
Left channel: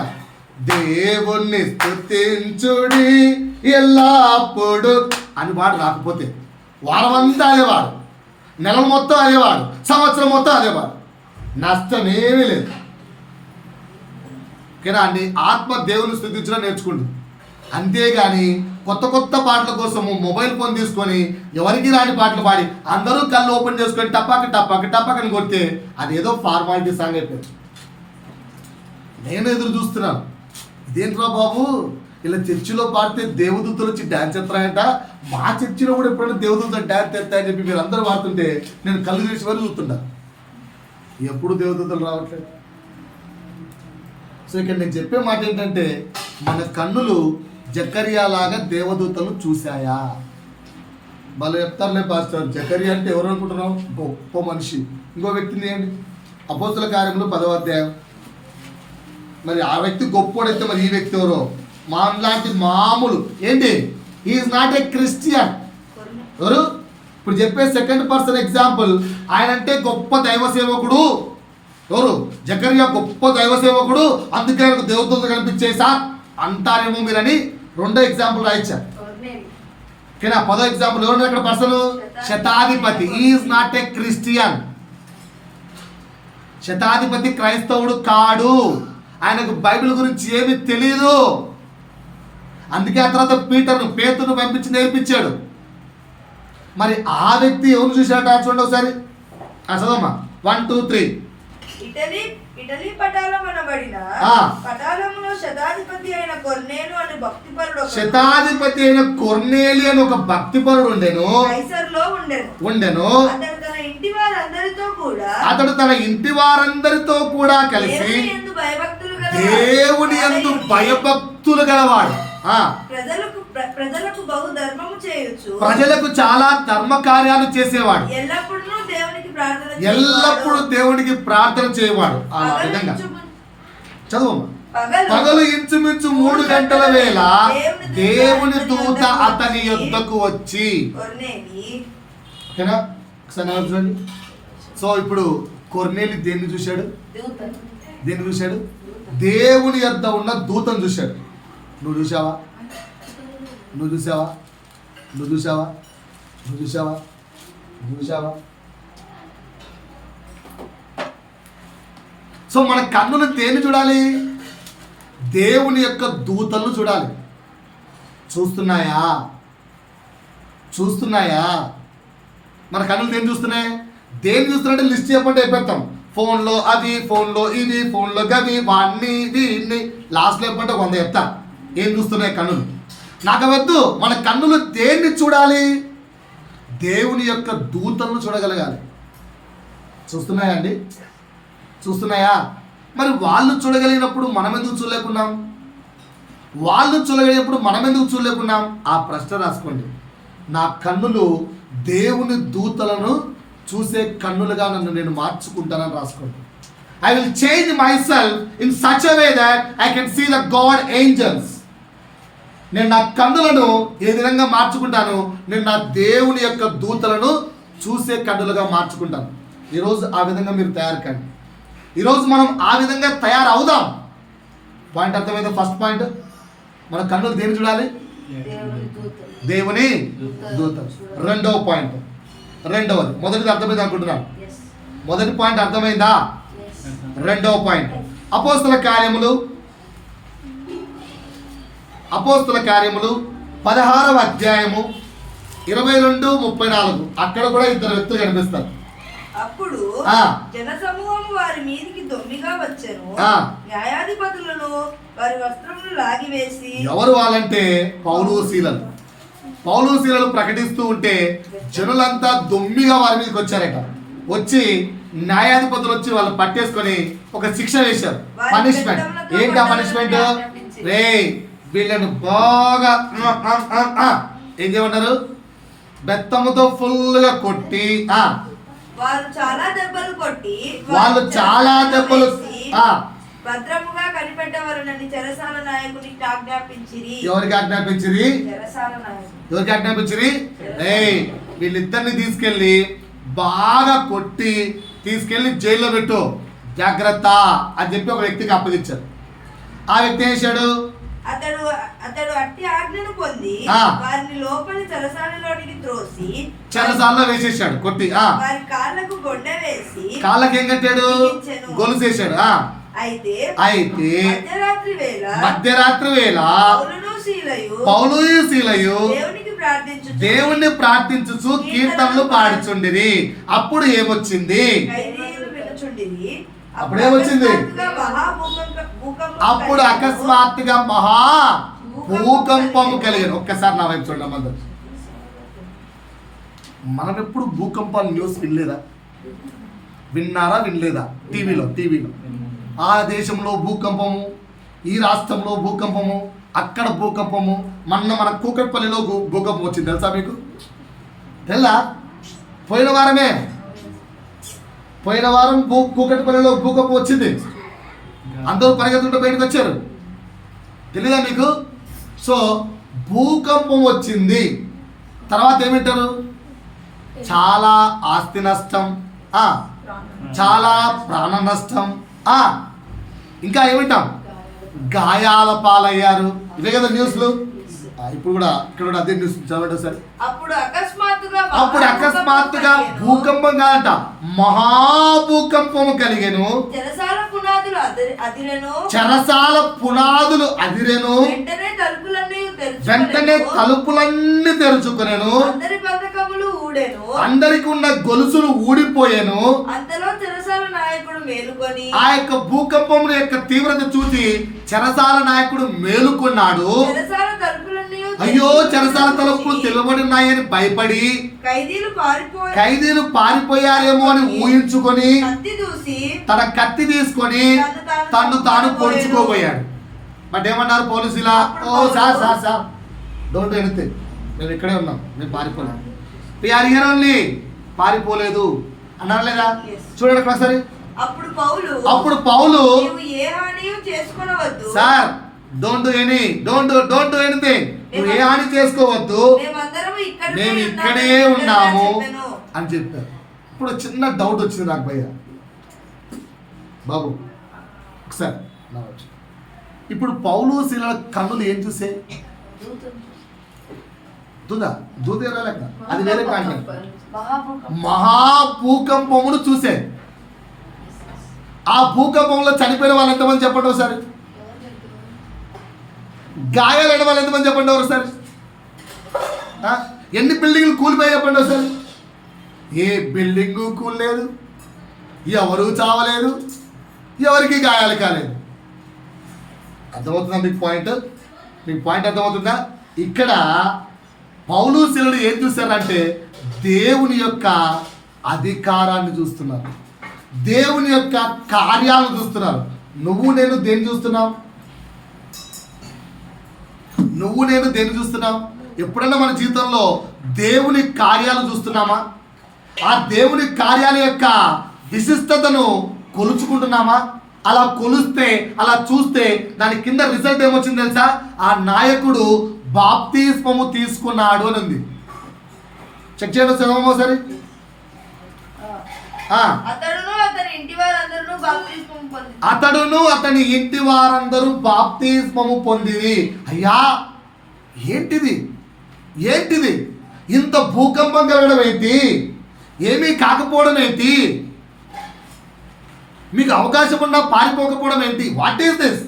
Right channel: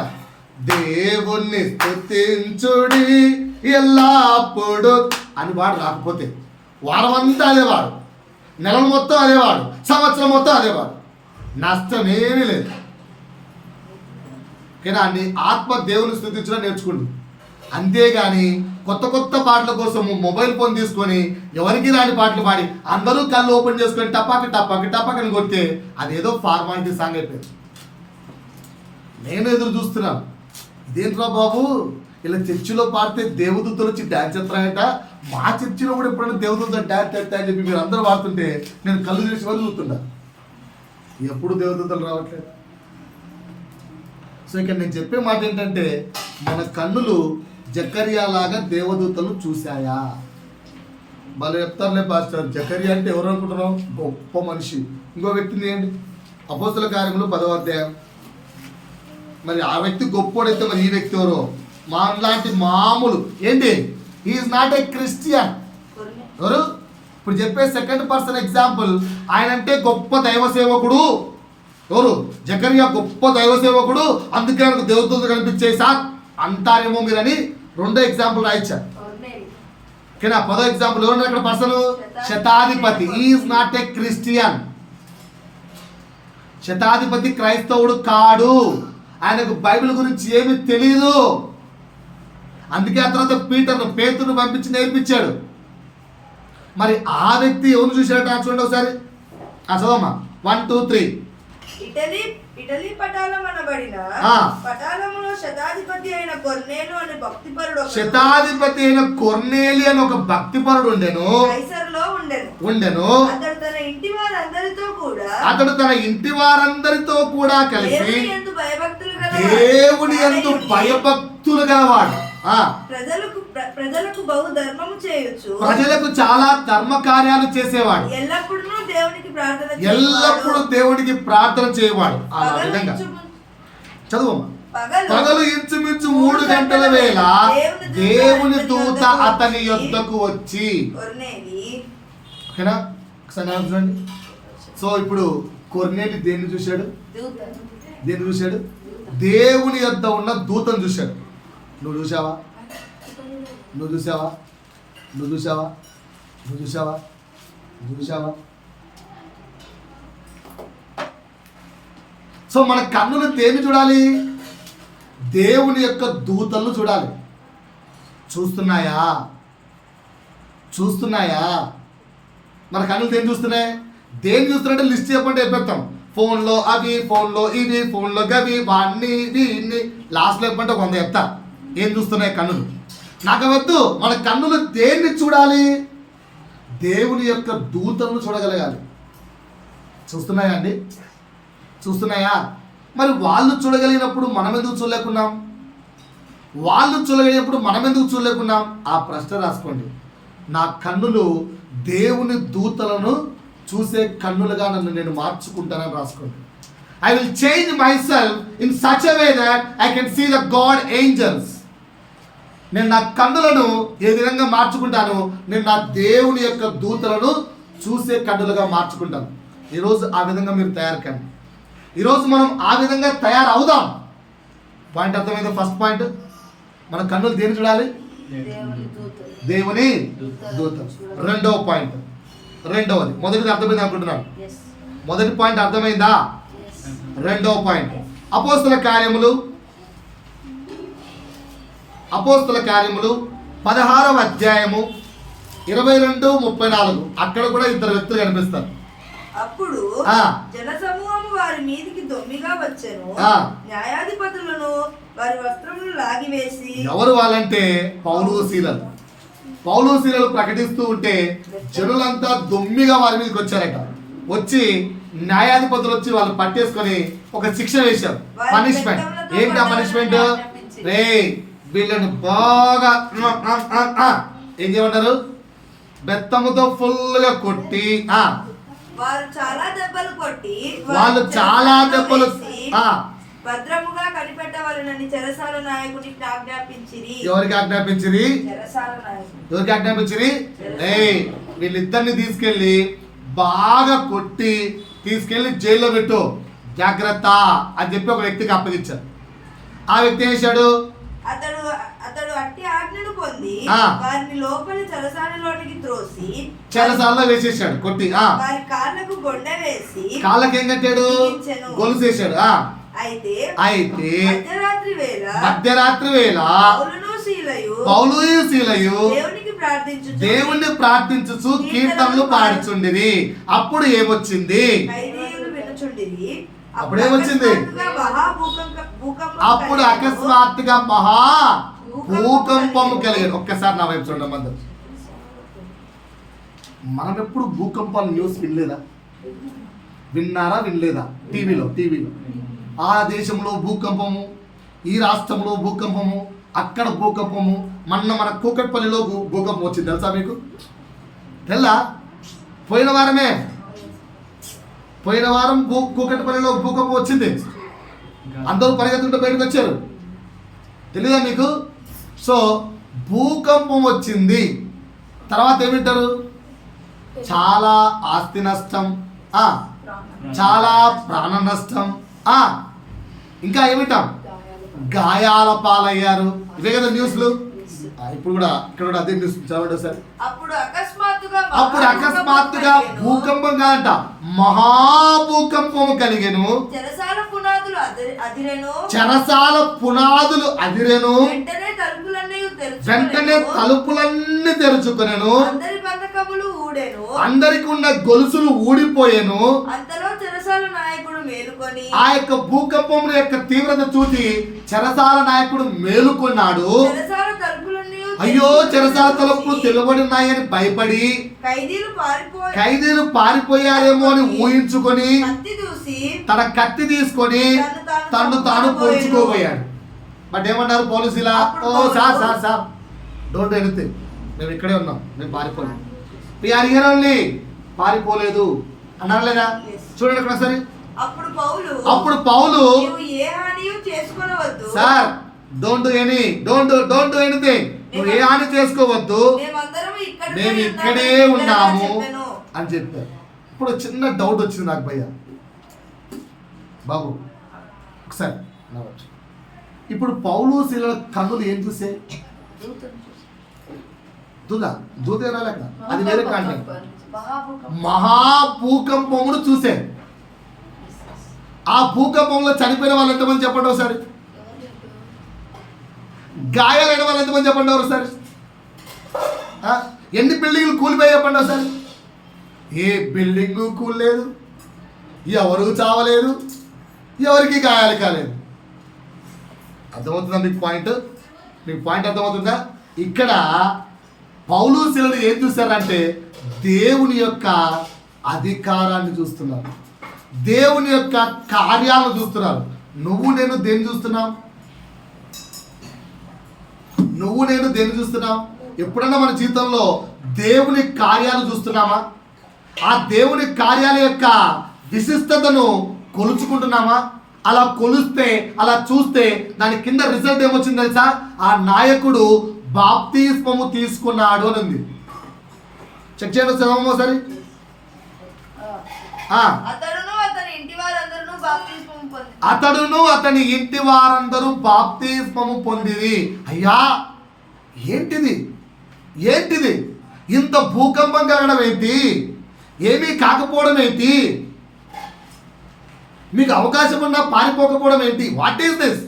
దేవుణ్ణి స్తుతించుడి ఎల్లప్పుడు అని పాట రాకపోతే వారం అంతా అదేవాడు, నెలలు మొత్తం అదేవాడు, సంవత్సరం మొత్తం అదేవాడు, నష్టమేమీ లేదు. ఓకేనా అండి? ఆత్మ దేవుని స్తుతించడం నేర్చుకుంటుంది. అంతేగాని కొత్త కొత్త పాటల కోసము మొబైల్ ఫోన్ తీసుకొని ఎవరికి రాని పాటలు పాడి అందరూ కళ్ళు ఓపెన్ చేసుకొని టపాక టపాక టపాక్ అని కొడితే అదేదో ఫార్మాలిటీ సాంగ్ అయిపోయింది. నేను ఎదురు చూస్తున్నాను, ఇదేంట్రా బాబు ఇలా చర్చిలో పాడితే దేవదూతలు వచ్చి డ్యాన్స్ ఎత్తాయంట, మా చర్చిలో కూడా ఎప్పుడైనా దేవదూతలు డ్యాన్స్ ఎత్తాయని చెప్పి మీరు అందరూ పాడుతుంటే నేను కళ్ళు తెరిచి వరకు చూస్తుంటా, ఎప్పుడు దేవదూతలు రావట్లేదు. సో ఇక్కడ నేను చెప్పే మాట ఏంటంటే, మన కన్నులు జకర్యా లాగా దేవదూతలు చూశాయా? భలే చెప్తారులే పాస్టర్, జకర్యా అంటే ఎవరు అనుకుంటున్నాం? గొప్ప మనిషి. ఇంకో వ్యక్తిని ఏంటి? అపోస్తుల కార్యములు 10వ అధ్యాయం. మరి ఆ వ్యక్తి గొప్పోడైతే మరి ఈ వ్యక్తి ఎవరో? లాంటి మామూలు ఏంటి? Is not a Christian. ఎవరు? ఇప్పుడు చెప్పే సెకండ్ పర్సన్ ఎగ్జాంపుల్. ఆయన అంటే గొప్ప దైవ సేవకుడు. ఎవరు? జకర్యా గొప్ప దైవ సేవకుడు, అందుకే ఆయనకు దేవదూతలు కనిపించేసా అంటారేమో మీరని రెండో ఎగ్జాంపుల్ రాయించారు. ఓకేనా? 10వ ఎగ్జాంపుల్ ఎవరు అక్కడ పర్సన్? శతాధిపతి. Is not a Christian. శతాధిపతి క్రైస్తవుడు కాడు, ఆయనకు బైబిల్ గురించి ఏమీ తెలియదు. అందుకే ఆ తర్వాత పేతురును పంపించి నేర్పించాడు. మరి ఆ వ్యక్తి ఎవరు చూశాడట? చూడండి ఒకసారి, చదవమ్మా. 1, 2, 3. ఇటలీ పటాలం అనబడిన పటాలములో శతాధిపతి అయిన కొర్నేలు అని భక్తిపరుడు, శతాధిపతి అయిన కొర్నేలి అని ఒక భక్తిపరుడు ఉండెను. అతడు తన ఇంటి వారందరితో కూడా కలిసి దేవుని యందు భయభక్తులు గలవాడు. ప్రజలకు బహు ధర్మము చేయొచ్చు, ప్రజలకు చాలా ధర్మ కార్యాలు చేసేవాడు, ఎల్లప్పుడూ దేవునికి ప్రార్థన చేయవాడు. అలా విధంగా చదువు. పగలు ఇంచుమించు 3 గంటల వేళ దేవుని దూత అతని యొద్దకు వచ్చి. ఓకేనా? చూడండి. సో ఇప్పుడు కొర్నేలి దేన్ని చూశాడు? దేన్ని చూశాడు? దేవుని యొద్ద ఉన్న దూతను చూశాడు. నువ్వు చూసావా? నువ్వు చూసావా? నువ్వు చూసావా? నువ్వు చూసావా? నువ్వు చూసావా? సో మన కన్నులు దేన్ని చూడాలి? దేవుని యొక్క దూతలను చూడాలి. చూస్తున్నాయా? చూస్తున్నాయా? మన కన్నులు దేన్ని చూస్తున్నాయి? దేన్ని చూస్తున్నాయంటే లిస్ట్ చెప్పండి అయిపోతాం. ఫోన్లో అవి, ఫోన్లో ఇవి, ఫోన్లో గవి, వాడిని దీన్ని లాస్ట్లో చెప్పంటే 100 చెప్తా. ఏం చూస్తున్నాయి కన్నులు? నాకు వద్దు. మన కన్నులు దేన్ని చూడాలి? దేవుని యొక్క దూతలను చూడగలగాలి. చూస్తున్నాయా అండి? చూస్తున్నాయా? మరి వాళ్ళు చూడగలిగినప్పుడు మనం ఎందుకు చూడలేకున్నాం? వాళ్ళు చూడగలిగినప్పుడు మనం ఎందుకు చూడలేకున్నాం? ఆ ప్రశ్న రాసుకోండి. నా కన్నులు దేవుని దూతలను చూసే కన్నులుగా నన్ను నేను మార్చుకుంటానని రాసుకోండి. I will change myself in such a way that I can see the God angels. నేను నా కన్నులను ఏ విధంగా మార్చుకుంటాను? నేను నా దేవుని యొక్క దూతలను చూసే కన్నులుగా మార్చుకుంటాను. ఈరోజు ఆ విధంగా మీరు తయారు కండి. ఈరోజు మనం ఆ విధంగా తయారవుదాం. పాయింట్ అర్థమైంది? ఫస్ట్ పాయింట్, మన కన్నులు దేని చూడాలి? దేవుని దూతలు. రెండవ పాయింట్, రెండవది. మొదటిది అర్థమైంది అనుకుంటున్నాను. మొదటి పాయింట్ అర్థమైందా? రెండవ పాయింట్, అపోస్తల కార్యములు 16వ అధ్యాయము 22-34. అక్కడ కూడా 2 వ్యక్తులు కనిపిస్తారు. అప్పుడు జనసమూహం వారి మీదికి దొమ్మిగా వచ్చెను. ఆ. న్యాయాధిపతులను వారి వస్త్రములు లాగివేసి, ఎవరు వాళ్ళంటే పౌలు శీలలు. పౌలు శీలలు ప్రకటిస్తూ ఉంటే జనులంతా దొమ్మిగా వారి మీదకి వచ్చారట. వచ్చి న్యాయాధిపతులు వచ్చి వాళ్ళు పట్టేసుకొని ఒక శిక్ష వేశారు, పనిష్మెంట్. ఏంటి ఆ పనిష్మెంట్? రే వీళ్ళని బాగా ఏం చేయమంటారు, బెత్తముతో ఫుల్గా కొట్టి వారు చాలా దెబ్బలు కొట్టి వాళ్ళు చాలా దెబ్బలు భద్రముగా కనిపెట్టవలనని చెరసాల నాయకునికి ఆజ్ఞాపించిరి. ఎవరికి ఆజ్ఞాపించిరి? చెరసాల నాయకుడు. ఎవరికి ఆజ్ఞాపించిరి? వీళ్ళిద్దరిని తీసుకెళ్ళి బాగా కొట్టి తీసుకెళ్ళి జైల్లో పెట్టు, జాగ్రత్త అని చెప్పి ఒక వ్యక్తికి అప్పగించారు. ఆ వ్యక్తి ఏం చేశాడు? అతడు అట్టి ఆజ్ఞను పొంది వారిని లోపలి చెరసాలలోనికి త్రోసి చెరసాలలో వేసేసాడు కొట్టి. వారి కాళ్ళకు గొండ వేసి కాళ్ళకి ఏం కట్టాడు? గొలుసు వేసాడు. అయితే మధ్యరాత్రి వేళ పౌలు శీలయు దేవుణ్ణి ప్రార్థించుచు కీర్తనలు పాడుచుండిరి. అప్పుడు ఏమొచ్చింది? అప్పుడు ఏమొచ్చింది? అప్పుడు అకస్మాత్తుగా మహా భూకంపము కలిగింది. ఒక్కసారి నా వైపు చూడండి అందరూ. మనం ఎప్పుడు భూకంపాల న్యూస్ వినలేదా? విన్నారా? వినలేదా? టీవీలో ఆ దేశంలో భూకంపము, ఈ రాష్ట్రంలో భూకంపము, అక్కడ భూకంపము. మన కూకట్పల్లిలో భూకంపం వచ్చింది, తెలుసా మీకు? తెల్లా? పోయిన వారం కూకట్పల్లిలో భూకంపం వచ్చింది. అందరూ పరిగెత్తుకుంటూ బయటకు వచ్చారు, తెలీదా మీకు? సో భూకంపం వచ్చింది, తర్వాత ఏమింటారు? చాలా ఆస్తి నష్టం, చాలా ప్రాణ నష్టం, ఇంకా ఏమిటాం? గాయాల పాలయ్యారు. ఇవే కదా న్యూస్లు. ఇప్పుడు కూడా ఇక్కడ కూడా అదే న్యూస్ చదవండి ఒకసారి. అప్పుడు అకస్మాత్తుగా భూకంపం కాదంట, మహాభూకంపము కలిగెను. చెరసాల పునాదులు అదిరెను. వెంటనే తలుపులన్నీ తెరుచుకొనెను. అందరికి ఉన్న గొలుసులు ఊడిపోయాను. ఆ యొక్క భూకంపం యొక్క తీవ్రత చూసి చెరసాల నాయకుడు మేలుకున్నాడు. అయ్యో చెరసాల తలుపులు తెలవడి ఉన్నాయని భయపడి ఖైదీలు పారిపోయారేమో అని ఊహించుకొని తన కత్తి తీసుకొని తను తాను పొడుచుకోబోయాడు. బట్ ఏమన్నారు పోలీసులా? ఓ సార్ డోంట్ ఎనీథింగ్, మేము ఇక్కడే ఉన్నాం, మేము పారిపోలేము. ఓన్లీ పారిపోలేదు అన్నారు లేదా? చూడండి ఇక్కడ సరే. అప్పుడు పౌలు సార్ డోంట్ డూ ఎనీథింగ్, నువ్వు ఏ హాని చేసుకోవద్దు, మేము ఇక్కడే ఉన్నాము అని చెప్పారు. ఇప్పుడు చిన్న డౌట్ వచ్చింది నాకు భయ్య బాబు, ఒకసారి ఇప్పుడు పౌలు శీలల కన్నులు ఏం చూసే? దూదే రాలేక అది వేరే కాంటెంట్. మహాభూకంపమును చూసే. ఆ భూకంపంలో చనిపోయిన వాళ్ళు ఎంతమంది చెప్పండి ఒకసారి? గాయాలైన వాళ్ళు ఎంతమంది చెప్పండి ఒకసారి? ఎన్ని బిల్డింగ్లు కూలిపోయి చెప్పండి ఒకసారి? ఏ బిల్డింగు కూలలేదు, ఎవరు చావలేదు, ఎవరికి గాయాలు కాలేదు. అర్థమవుతుందా మీకు పాయింట్? అర్థమవుతుందా? ఇక్కడ పౌలు శీలలు ఏం చూస్తారంటే దేవుని యొక్క అధికారాన్ని చూస్తున్నారు, దేవుని యొక్క కార్యాలను చూస్తున్నారు. నువ్వు నేను దేన్ని చూస్తున్నావు? ఎప్పుడన్నా మన జీవితంలో దేవుని కార్యాలు చూస్తున్నామా? ఆ దేవుని కార్యాల యొక్క విశిష్టతను కొలుచుకుంటున్నామా? అలా కొలిస్తే, అలా చూస్తే దాని కింద రిజల్ట్ ఏమొచ్చింది తెలుసా? ఆ నాయకుడు బాప్తిస్మము తీసుకున్నాడు అని ఉంది. చెక్ చేయండి చదవమో సరే. అతడును అతని ఇంటి వారందరూ బాప్తిస్మము పొందిరి. అయ్యా ఏంటిది? ఇంత భూకంపం కలగడం ఏంటి? ఏమీ కాకపోవడం ఏంటి? మీకు అవకాశం ఉన్నా పారిపోకపోవడం ఏంటి? What is this?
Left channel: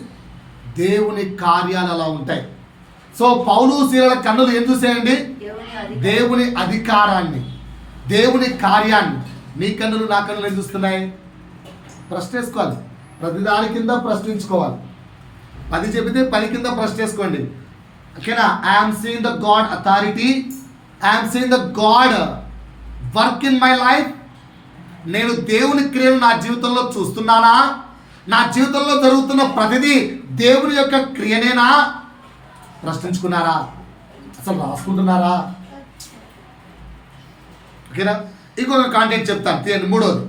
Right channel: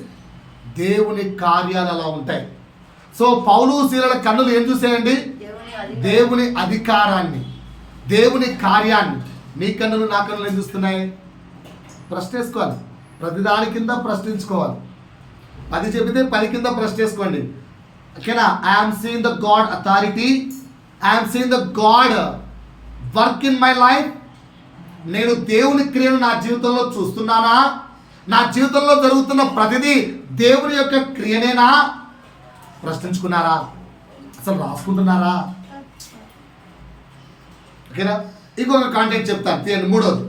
దేవుని కార్యాలు అలా ఉంటాయి. సో పౌలు శీలల కన్నులు ఏం చూసాయండి? దేవుని అధికారాన్ని, దేవుని కార్యాన్ని. నీ కన్నులు నా కన్నులు ఏం చూస్తున్నాయి? ప్రశ్న వేసుకోవాలి. ప్రతిదాని కింద ప్రశ్నించుకోవాలి. 10 చెబితే 10 కింద ప్రశ్న చేసుకోండి. ఓకేనా? I'm seeing the God authority, I'm seeing the God work in my life. నేను దేవుని క్రియను నా జీవితంలో చూస్తున్నానా? నా జీవితంలో జరుగుతున్న ప్రతిదీ దేవుని యొక్క క్రియనేనా? ప్రశ్నించుకున్నారా? అసలు రాసుకుంటున్నారా? ఓకేనా? ఇంకొక కాంటెంట్ చెప్తాను, తీయండి. మూడోది,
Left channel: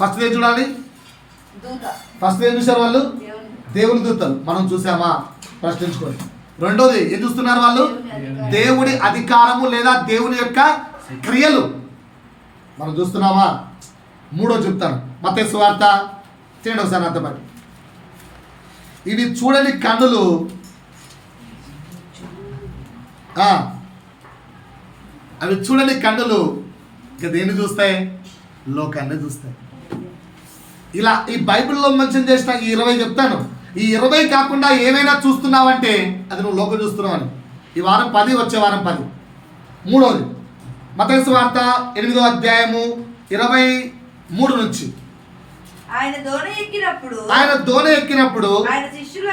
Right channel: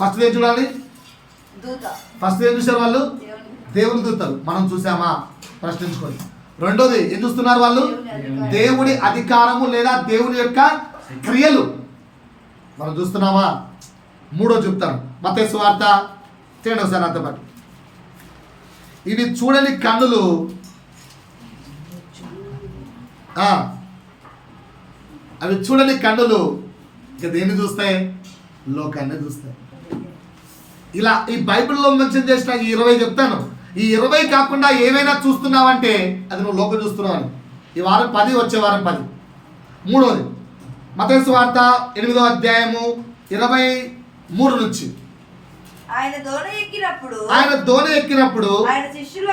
ఫస్ట్ ఏం చూడాలి? ఫస్ట్ ఏం చూసారు వాళ్ళు? దేవుని దూతలు. మనం చూసామా? ప్రశ్నించుకోండి. రెండోది ఏం చూస్తున్నారు వాళ్ళు? దేవుని అధికారము లేదా దేవుని యొక్క క్రియలు మనం చూస్తున్నామా? మూడో చెప్తాను, మత్తయి సువార్త తీయండి ఒకసారి నాతో పాటు. ఇవి చూడని కన్నులు అవి చూడని కన్నులు ఇక దేన్ని చూస్తాయి? లోకాన్ని చూస్తాయి. ఇలా ఈ బైబిల్లో మెన్షన్ చేసిన ఈ 20 చెప్తాను. ఈ 20 కాకుండా ఏమైనా చూస్తున్నావంటే అది నువ్వు లోకం చూస్తున్నావు అని. ఈ వారం 10, వచ్చే వారం 10. మూడోది మత్తయి సువార్త 8వ అధ్యాయము 23 నుంచి. ఆయన దోణ ఎక్కినప్పుడు ఆయన శిష్యులు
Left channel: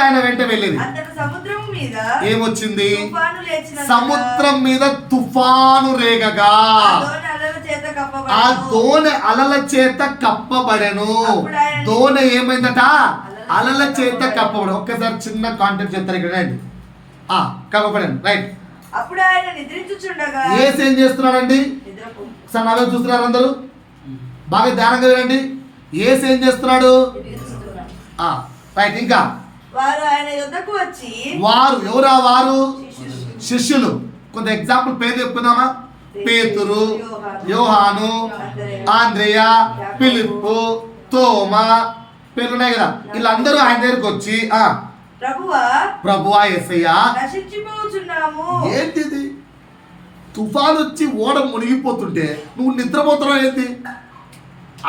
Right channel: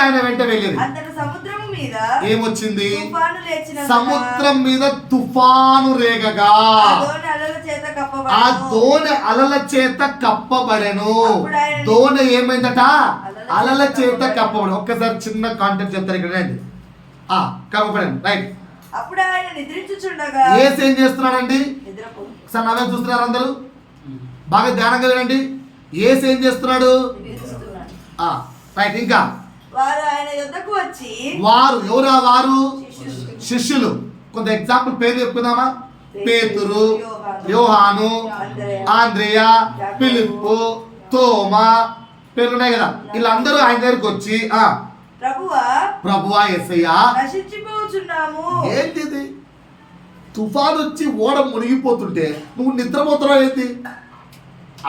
ఆయన వెంట వెళ్ళిరి. సముద్రము మీద ఏమొచ్చింది? సముద్రం మీద తుఫాను రేగగా ఆ దోణి అలల చేత కప్పబడెను. దోణి ఏమైందట? అలల చేత కప్పబడి. ఒక్కసారి చిన్న కాంటెంట్ చెప్తారు ఇక్కడ అండి. కప్పబడను, రైట్. అప్పుడు ఆయన నిద్రించుచుండగా యేసు ఏం చేస్తున్నాడండి? సార్ నవ్వే చూస్తున్నారు అందరూ, బాగా ధ్యానంగా వినండి. యేసు ఏం చేస్తున్నాడు? రైట్. ఇంకా వారు ఆయన యొద్దకు వచ్చి, వారు ఎవరా? వారు శిష్యులు. కొంత ఎగ్జాంపుల్ పేరు చెప్పుకుందామా? పేతురు, యోహాను, ఆంద్రేయ, ఫిలిప్పు, తోమా, పేర్లు ఉన్నాయి కదా. వీళ్ళందరూ ఆయన దగ్గరికి వచ్చి ప్రభువా యేసయ్యా నశించిపోతున్నాము. ఏంటిది? తుఫాను వచ్చి ఓడ మునిగిపోతుంటే నువ్వు నిద్రపోతున్నావు ఏంటి?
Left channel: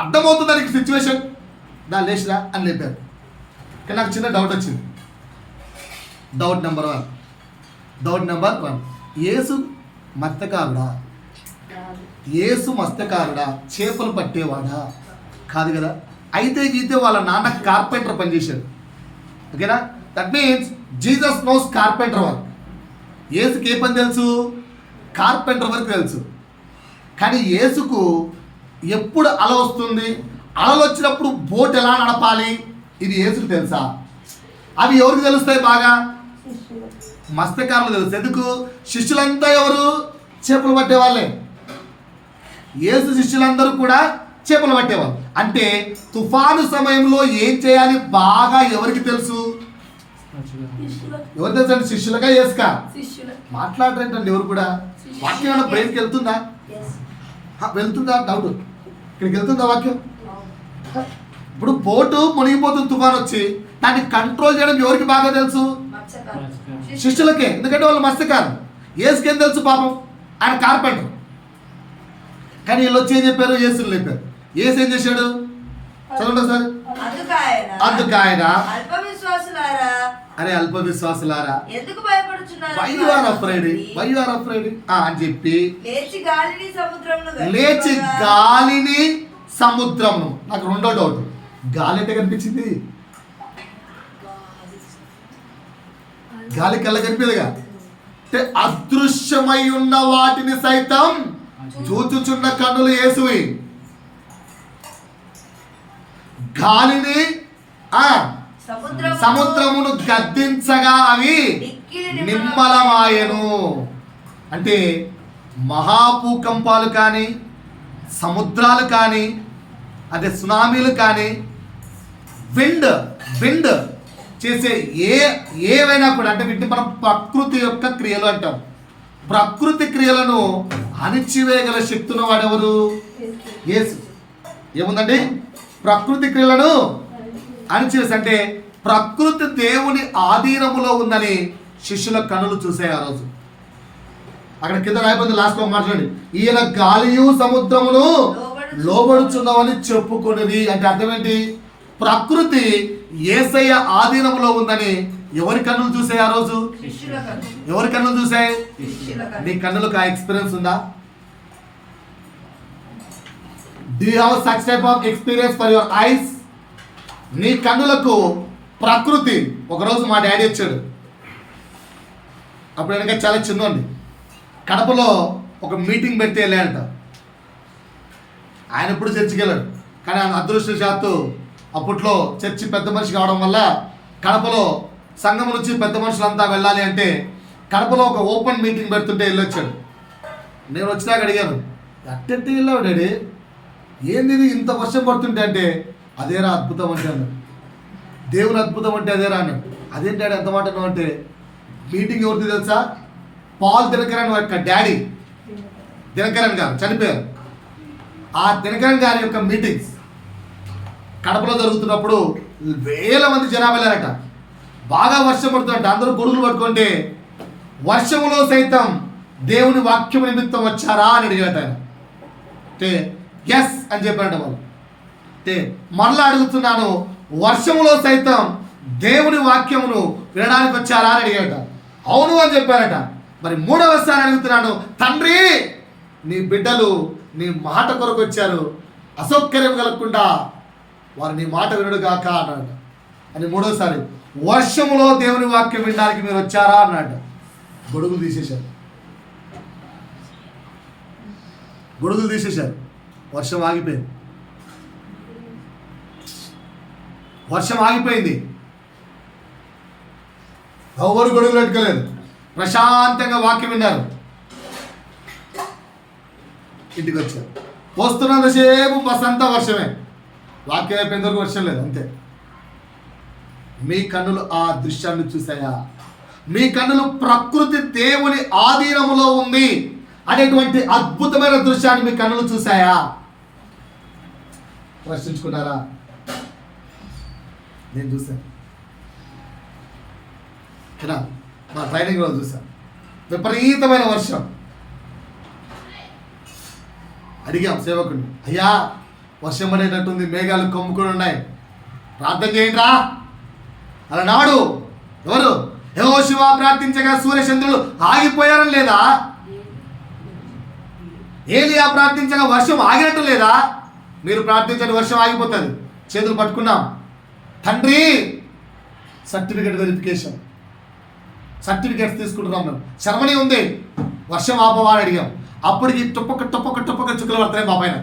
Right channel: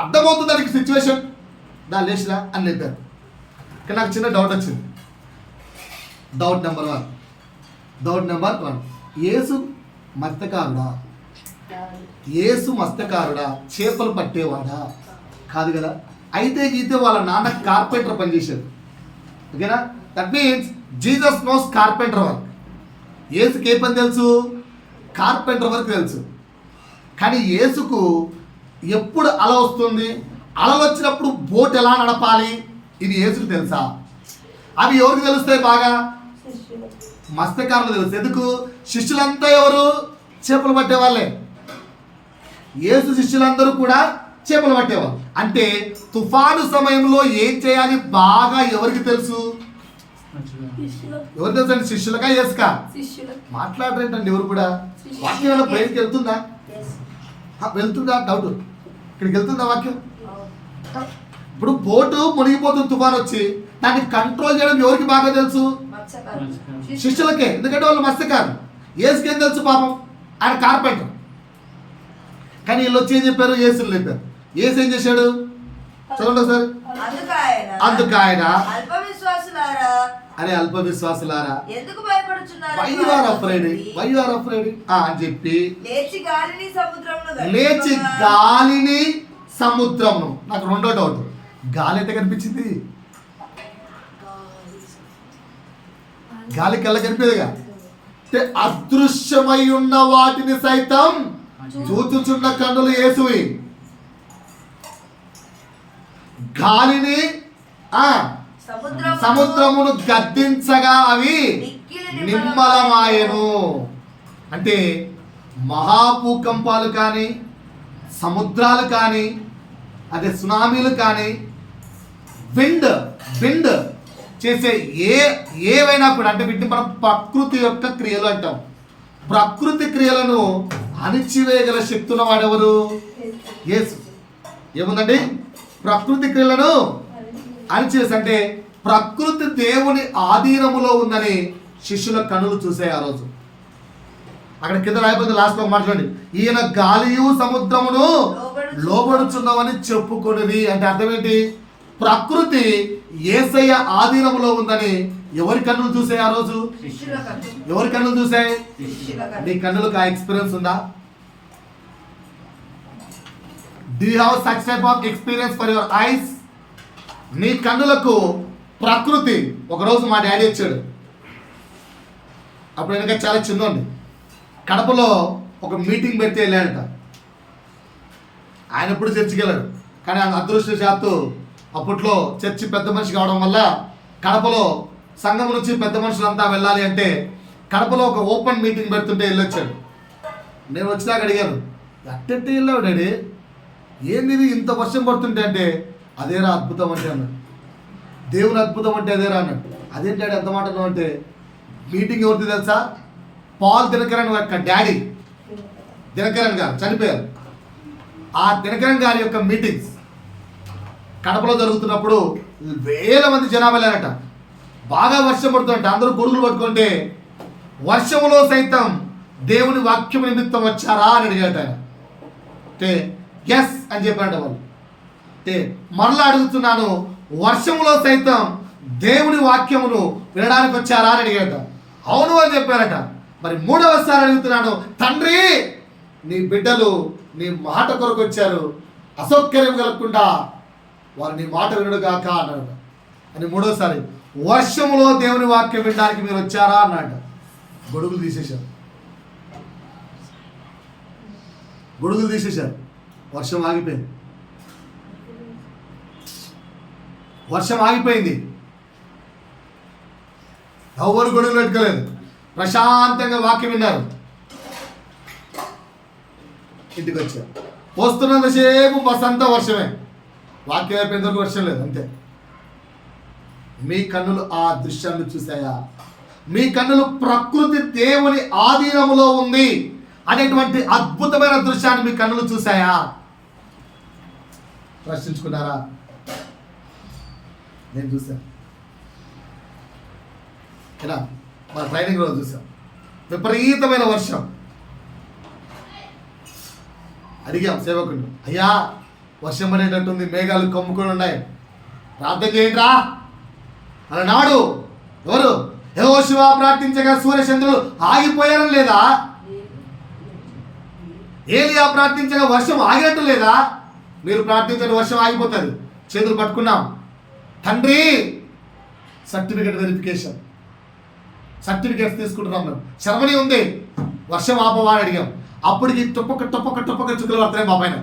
అర్థమవుతుంది దానికి సిచ్యువేషన్. దాని లేచిరా అని లేపారు. కానీ నాకు చిన్న డౌట్ వచ్చింది. డౌట్ నెంబర్ 1 యేసు మత్స్యకారుడా? యేసు మత్స్యకారుడా? చేపలు పట్టేవాడా? కాదు కదా. అయితే గీతే వాళ్ళ నాన్న కార్పెంటర్ పనిచేశాడు. ఓకేనా? That means Jesus knows carpenter work. యేసుకి ఏ పని తెలుసు? కార్పెంటర్ వర్క్ తెలుసు. కానీ యేసుకు ఎప్పుడు అల వస్తుంది, అలలు వచ్చినప్పుడు బోట్ ఎలా నడపాలి, ఇది యేసుకు తెలుసా? అవి ఎవరికి తెలుస్తాయి? బాగా మత్స్యకారులు తెలుసు. ఎందుకు? శిష్యులంతా ఎవరు? చేపలు పట్టేవాళ్ళే. యేసు శిష్యులందరూ కూడా చేపలు పట్టేవాళ్ళు. అంటే తుఫాను సమయంలో ఏం చేయాలి బాగా ఎవరికి తెలుసు? ఎవరు తెలుసు అండి? శిష్యులగా? యేసుకా? మాట్లాడరేంటండి ఎవరు కూడా? వాక్యం బ్రెయిన్కి వెళ్తుందా? డౌట్. ఇక్కడికి వెళ్తుందా వాక్యం? ఇప్పుడు బోటు మునిగిపోతుంది తుఫాన్ వచ్చి, దాన్ని కంట్రోల్ చేయడం ఎవరికి బాగా తెలుసు? శిష్యులకే. ఎందుకంటే వాళ్ళు మత్స్యకారులు. యేసుకేం తెలుసు? పాపం ఆయన కార్పెంటర్. కానీ వీళ్ళు వచ్చి ఏం చెప్పారు? యేసుని లేపారు. యేసు ఏం చేశాడు? చదవండి ఒకసారి. అందుకు ఆయన అరే అల్ప విశ్వాసులారా వై యు ఆర్ అఫ్రైడ్ అని చెప్పి లేచి గాలిని సముద్రమును. నాకు రెండో డౌట్, గాలి ఎట్లా కనిపించింది? గాలి కళ్ళ కనిపేదిగా. అంటే అదృశ్యమై ఉన్న వాటిని సైతం చూచుచున్న కన్నులు యేసువి. గాలిని సముద్రమును గద్దించగా అవి నిమ్మలమాయెను. అంటే మహాభూకంపాలు కానీ, సముద్రాలు కానీ, అదే సునామీలు కానీ, విండ్ చేసే ఏవైనా కూడా, అంటే వీటిని మనం ప్రకృతి యొక్క క్రియలు అంటాం. ప్రకృతి క్రియలను అణిచివేయగల శక్తి ఉన్నవాడు ఎవరు? యేసు. ఏముందండి? ప్రకృతి క్రియలను అణిచివేసి. అంటే ప్రకృతి దేవుని ఆధీనములో ఉందని శిష్యుల కన్నులు చూసే ఆ రోజు. అక్కడ కింద రాయబడింది, లాస్ట్లో మాట్లాడండి. ఈయన గాలియు సముద్రమును లోబడుచున్నామని చెప్పుకున్నది. అంటే అర్థం ఏంటి? ప్రకృతి యేసయ్య ఆధీనంలో ఉందని ఎవరి కన్నులు చూసే ఆ రోజు? ఎవరి కన్నులు చూసే? నీ కన్నులకు ఆ ఎక్స్పీరియన్స్ ఉందా? Do you have such type of experience for your eyes? నీ కన్నులకు ప్రకృతి. ఒకరోజు మా డాడీ వచ్చాడు, అప్పుడు వెనక చాలా చిన్నోండి. కడపలో ఒక మీటింగ్ పెడితే వెళ్ళాడట. ఆయన ఎప్పుడు చర్చికి వెళ్ళాడు, కానీ ఆయన అదృష్టశాత్తు అప్పట్లో చర్చి పెద్ద మనిషి కావడం వల్ల కడపలో సంఘం నుంచి పెద్ద మనుషులంతా వెళ్ళాలి అంటే కడపలో ఒక ఓపెన్ మీటింగ్ పెడుతుంటే వెళ్ళొచ్చాడు. నేను వచ్చినాక అడిగాను, అట్టెట్టి వెళ్ళావు డాడీ, ఏంది ఇంత వర్షం పడుతుంటే అంటే అదేరా అద్భుతం అంటే అన్నాడు. దేవుని అద్భుతం అంటే అదేరా అన్నాడు. అదేంటి డాడీ ఎంత మాట అన్నావు అంటే, మీటింగ్ ఎవరిది తెలుసా? పాల్ దినకరన్ యొక్క డాడీ దినకరన్ గారు చనిపోయారు. ఆ దినకరన్ గారి యొక్క మీటింగ్స్ కడపలో జరుగుతున్నప్పుడు వేల మంది జనాభా వెళ్ళారట. బాగా వర్షం పడుతుందంట. అందరూ గొడుగులు పట్టుకుంటే వర్షంలో సైతం దేవుని వాక్యం నిమిత్తం వచ్చారా అని అడిగాట ఆయన. అంటే ఎస్ అని చెప్పారంట వాళ్ళు. అంటే మరలా అడుగుతున్నాను, వర్షంలో సైతం దేవుని వాక్యమును వినడానికి వచ్చారా అని అడిగాట. అవును అని చెప్పారట. మరి మూడవసారి అడుగుతున్నాను, తండ్రి నీ బిడ్డలు నీ మాట కొరకు వచ్చారు, అసౌకర్యం కలగకుండా వారు నీ మాట వినడు గాక అన్నాడు. అని మూడోసారి వర్షంలో దేవుని వాక్యం వినడానికి మీరు వచ్చారా అన్నాడు. గొడుగులు తీసేశారు, గొడుగులు తీసేశారు. వర్షం ఆగిపోయింది, వర్షం ఆగిపోయింది. ఎవరు గొడుగులు పెట్టుకోలేదు, ప్రశాంతంగా వాక్యం విన్నారు. ఇంటికి వచ్చారు. వస్తున్నంతసేపు బస్ అంతా వర్షమే, వాక్యం అయిపోయిన వరకు వర్షం లేదు, అంతే. మీ కన్నులు ఆ దృశ్యాన్ని చూసాయా? మీ కన్నులు ప్రకృతి దేవుని ఆధీనములో ఉంది అనేటువంటి అద్భుతమైన దృశ్యాన్ని మీ కన్నులు చూసాయా? ప్రశ్నించుకున్నారా? నేను చూశాను. ఇక్కడ మా ట్రైనింగ్ రోజు చూసాం, విపరీతమైన వర్షం. అడిగాం సేవకుడిని, అయ్యా వర్షం పడేటట్టుంది, మేఘాలు కమ్ముకొని ఉన్నాయి, ప్రార్థన చేయండిరా అలనాడు. ఎవరు? యెహోషువ ప్రార్థించగా సూర్యచంద్రులు ఆగిపోయారని లేదా? ఏలియా ప్రార్థించగా వర్షం ఆగినట్టు లేదా? మీరు ప్రార్థించండి, వర్షం ఆగిపోతుంది. చేతులు పట్టుకున్నాం. తండ్రి సర్టిఫికేట్ వెరిఫికేషన్, సర్టిఫికేట్స్ తీసుకుంటున్నాం. మేము శర్మని ఉంది, వర్షం ఆపవా అని అడిగాం. అప్పటికి టుప్పక టుప్పక టుప్పక చుక్కలు పడతాయి బాబాయిన.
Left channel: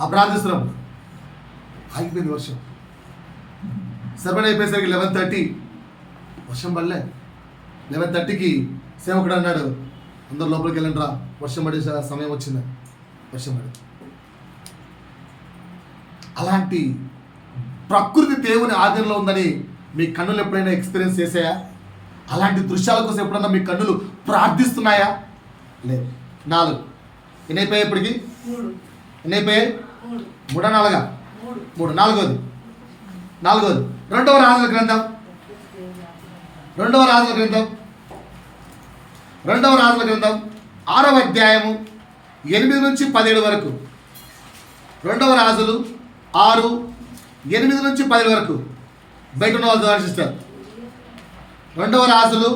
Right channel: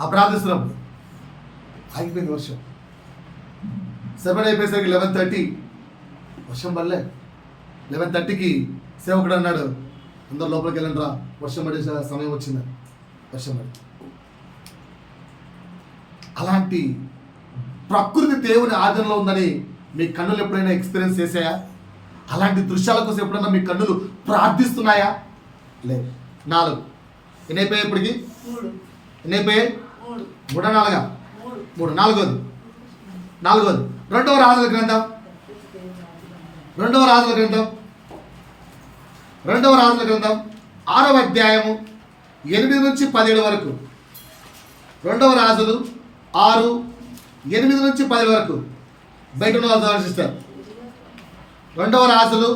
ఆ ప్రార్థిస్తున్నాం, ఆగిపోయింది వర్షం. సెవెన్ అయిపోయేసరికి 11:30 వర్షం పడలే. 11:30కి సేవకుడు అన్నాడు, అందరు లోపలికి వెళ్ళండి రా, వర్షం పడే సమయం వచ్చింది. వర్షం పడి అలాంటి ప్రకృతి దేవుని ఆధీనంలో ఉందని మీ కన్నులు ఎప్పుడైనా ఎక్స్పీరియన్స్ చేసాయా? అలాంటి దృశ్యాల కోసం ఎప్పుడైనా మీ కన్నులు ప్రార్థిస్తున్నాయా? లేదు. 4 ఎన్ని అయిపోయాయి ఇప్పటికి? ఎన్ని అయిపోయాయి? 3 4 3. నాలుగోది రెండవ రాజుల గ్రంథం 6వ అధ్యాయము 8 నుంచి 17 వరకు. 2వ రాజులు 6 8 నుంచి 10 వరకు. బయట ఉన్న వాళ్ళు సిస్టర్. 2వ రాజులు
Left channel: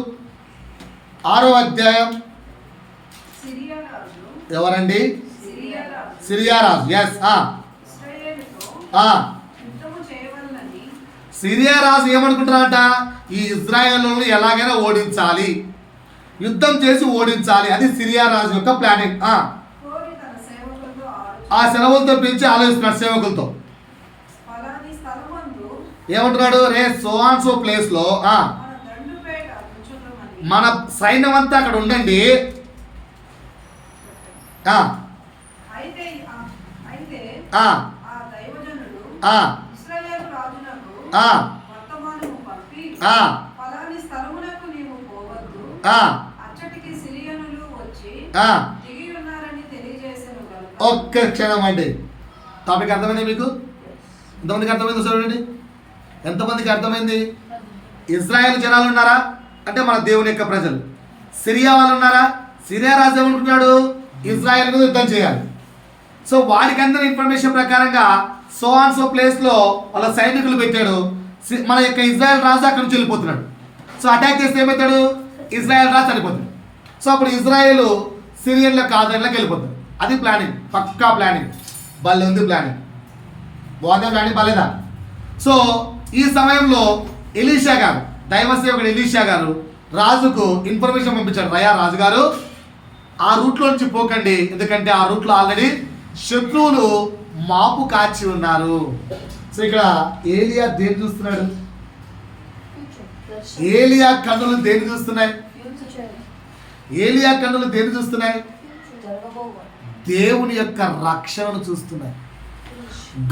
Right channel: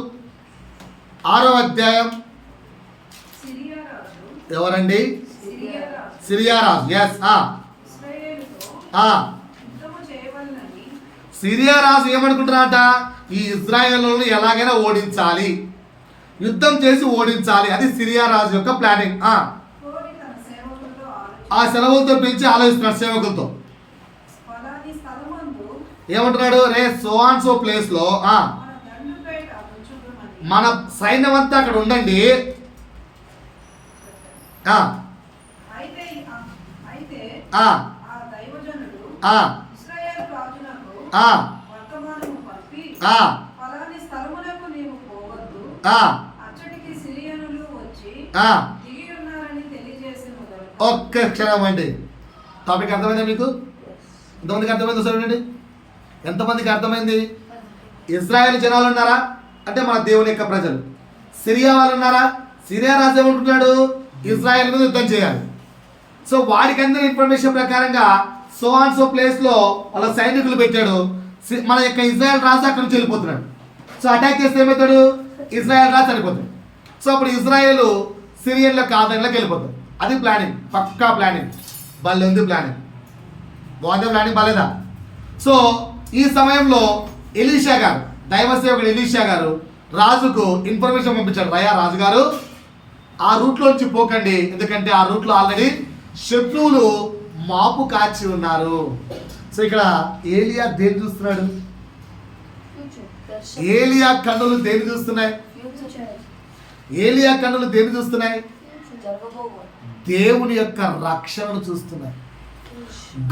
6వ అధ్యాయం. ఎవరండి? సిరియా రాజు. ఎస్. సిరియా రాజు ఏమనుకుంటున్నారట? ఈ ఇజ్రాయేలులను ఎలాగైనా ఓడించాలి, యుద్ధం చేసి ఓడించాలి. అది సిరియా రాజు యొక్క ప్లానింగ్. ఆ సెలవులతో పిలిచి ఆలోచిస్తున్నాడు సేవకులతో. ఏమంటున్నాడు? రే సో అండ్ సో ప్లేస్ లో మన సైన్యం అంతా అక్కడ ఉండండి. ఒక్క క్షణం అండి. టాపిక్ అర్థమైంది మీకు? ఎంతమందికి అర్థమైందో చూడండి. ఎంతమందికి అర్థమైంది? ఇజ్రాయెల్ జనాలు ఉన్నారా అంటే మన దేవుని యొక్క ప్రజలు. సిరియా వాళ్ళు ఉన్నారా? సిరియా రాజు ఏమంటున్నాడు? ఇజ్రాయెల్ మీద యుద్ధం చేయాలి. సో వాడికి అందిన ఇన్ఫర్మేషన్ ప్రకారంగా సో అండ్ సో ప్లేస్లో వాళ్ళ సైనికులు పెట్టాడు. మన యొక్క ఇజ్రాయెల్ రాజు అక్కడ నుంచి వెళ్ళిపోతున్నాడు. సో అటాక్ చేస్తే ఏమవుతాడు? ఇజ్రాయెల్ రాజు చనిపోతాడు. సో అప్పుడు ఇజ్రాయెల్ సిరియన్ల ఆదరణలోకి వెళ్ళిపోతాడు. అది ప్లానింగ్, పక్కా ప్లానింగ్. భలే ఉంది ప్లానింగ్. బాగుందా ప్లానింగ్? బాలేదా? సో ఈ సమయంలో ఎలీషా గారు, దైవ సేవకుడు ఎలీషా గారు రాజుకు ఇన్ఫర్మేషన్ పంపించాడు. రయా రాజుగారు, ఆ రూట్లో నుంచి పోకండి, ఎందుకంటే ఆ రూట్లో ఆల్రెడీ శత్రువులు మాపు కాచి ఉన్నారు. సో ఇక్కడ ఏలియా దేని చూస్తున్నాడు? ఏలియా కన్నులు దేని చూస్తున్నాయి? ఏలియా కన్నులు దేని చూస్తున్నాయి? దేవుని యొక్క రక్షణను చూస్తున్నాయి.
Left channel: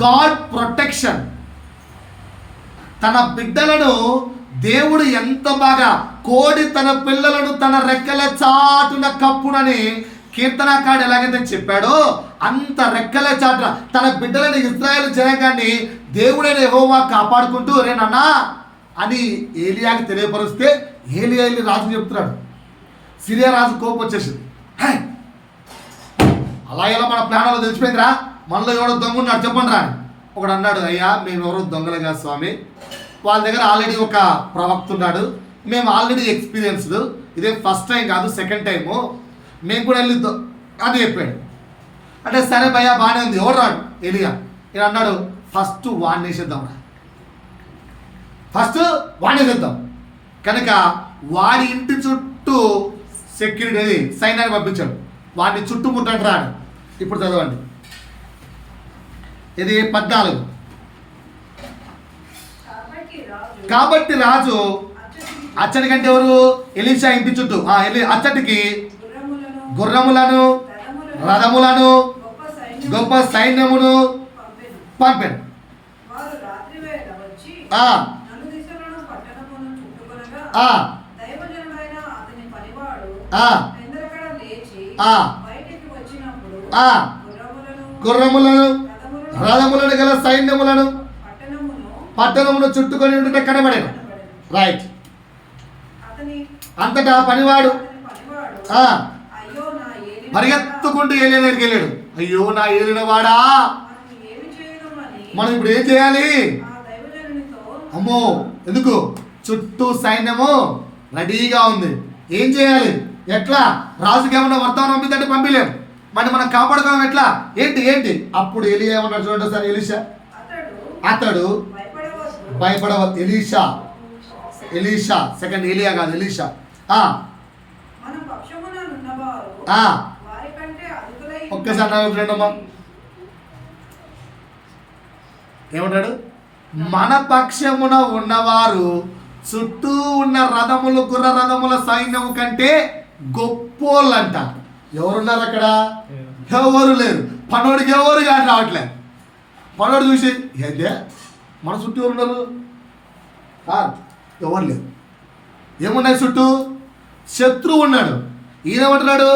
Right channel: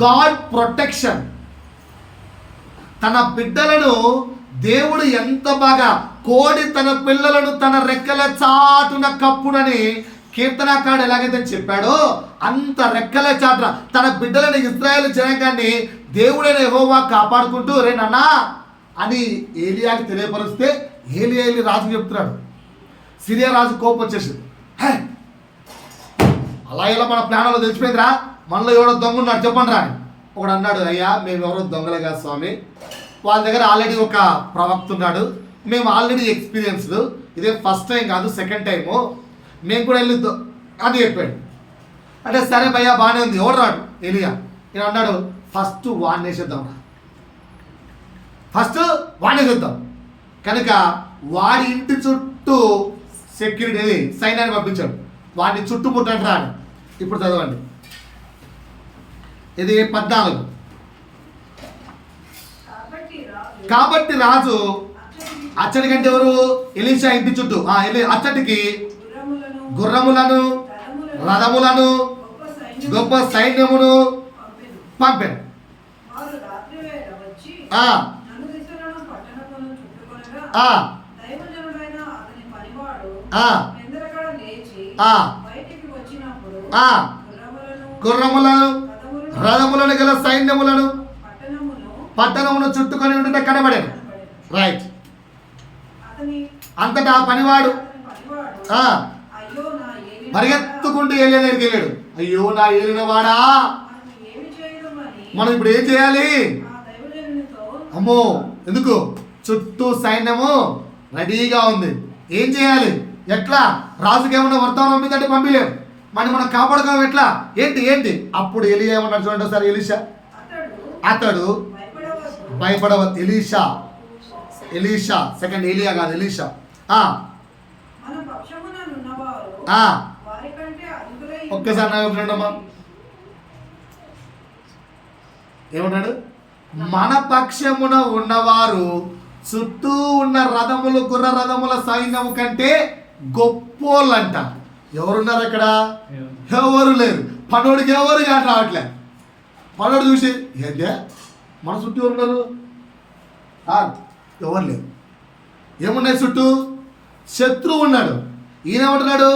God protection. తన బిడ్డలను దేవుడు ఎంత బాగా, కోడి తన పిల్లలను తన రెక్కల చాటున కప్పునని కీర్తనకారుడు ఎలాగైతే చెప్పాడో, అంత రెక్కల చాటున తన బిడ్డలను, ఇశ్రాయేలు జనాంగాన్ని దేవుడైన యెహోవా కాపాడుకుంటూ రే నాన్న అని ఏలియాకి తెలియపరిస్తే, ఏలియా వెళ్ళి రాజు చెప్తున్నాడు. సిరియా రాజు కోపం వచ్చేసింది. హే, అలా ఇలా మన ప్లానాలు తెలిసిపోయిందిరా, మనలో ఎవడో దొంగ ఉన్నాడు చెప్పండి రా అని. ఒకడు అన్నాడు, అయ్యా మేము ఎవరో దొంగలు కాదు స్వామి, వాళ్ళ దగ్గర ఆల్రెడీ ఒక ప్రవక్త ఉన్నాడు, మేము ఆల్రెడీ ఎక్స్పీరియన్స్డ్, ఇదే ఫస్ట్ టైం కాదు సెకండ్ టైము, మేము కూడా వెళ్ళి అని చెప్పాడు. అంటే సరే భయ్యా బాగానే ఉంది, ఎవడు రాడు ఎలియా. ఈయన అన్నాడు, ఫస్ట్ వాడినేసేద్దాం రా, ఫస్ట్ వాడినేసేద్దాం. కనుక వాడి ఇంటి చుట్టూ సెక్యూరిటీ సైన్యాన్ని పంపించాడు, వాడిని చుట్టుముట్టండి రా అని. ఇప్పుడు చదవండి, ఇది 14. కాబట్టి రాజు అచ్చటి కంటే ఎవరు? ఎలీషా ఇంటి చుట్టూ అచ్చటికి గుర్రములను, రథములను, గొప్ప సైన్యమును పంపాను. గుర్రములను, రథములను గల సైన్యములను పట్టణమును చుట్టుకొని ఉంటే కనబడాను. రైట్. అంతటా పనివాడు పరిగెత్తుకుంటూ ఏలియా దగ్గరికి వెళ్ళాడు. అయ్యో నా ఏలిన వాడా, మనం ఇప్పుడు ఏం చేయాలి? అమ్మో, ఎందుకు? చుట్టూ సైన్యము రెడీగా ఉంది, ఏం చేయాలి? ఎట్లా? రాజుకి ఏమన్నా వర్తమానం పంపిందంటే పంపిలేము, మరి మనం కాపాడుకోవడం ఎట్లా? ఏంటి? అప్పుడు ఎలియా ఏమన్నాడు చూడండి సార్. ఎలీషా అతడు భయపడవద్దు. ఎలీషా సెకండ్, ఎలియా కాదు, ఎలీషా. ఒక్కసారి నా చూడండమ్మా, ఏమంటాడు? మన పక్షమున ఉన్నవారు చుట్టూ ఉన్న రథములు, గుర్ర రథముల సైన్యము కంటే గొప్పోళ్ళంట. ఎవరున్నారు అక్కడ? ఎవరు లేరు. పనోడికి ఎవరు కానీ రావట్లేదు. పనోడు చూసి ఏంటే మన చుట్టూ ఎవరు ఉన్నారు? ఎవరు లేరు. ఏమున్నాయి చుట్టూ? శత్రువు ఉన్నాడు. ఈయనేమంటున్నాడు?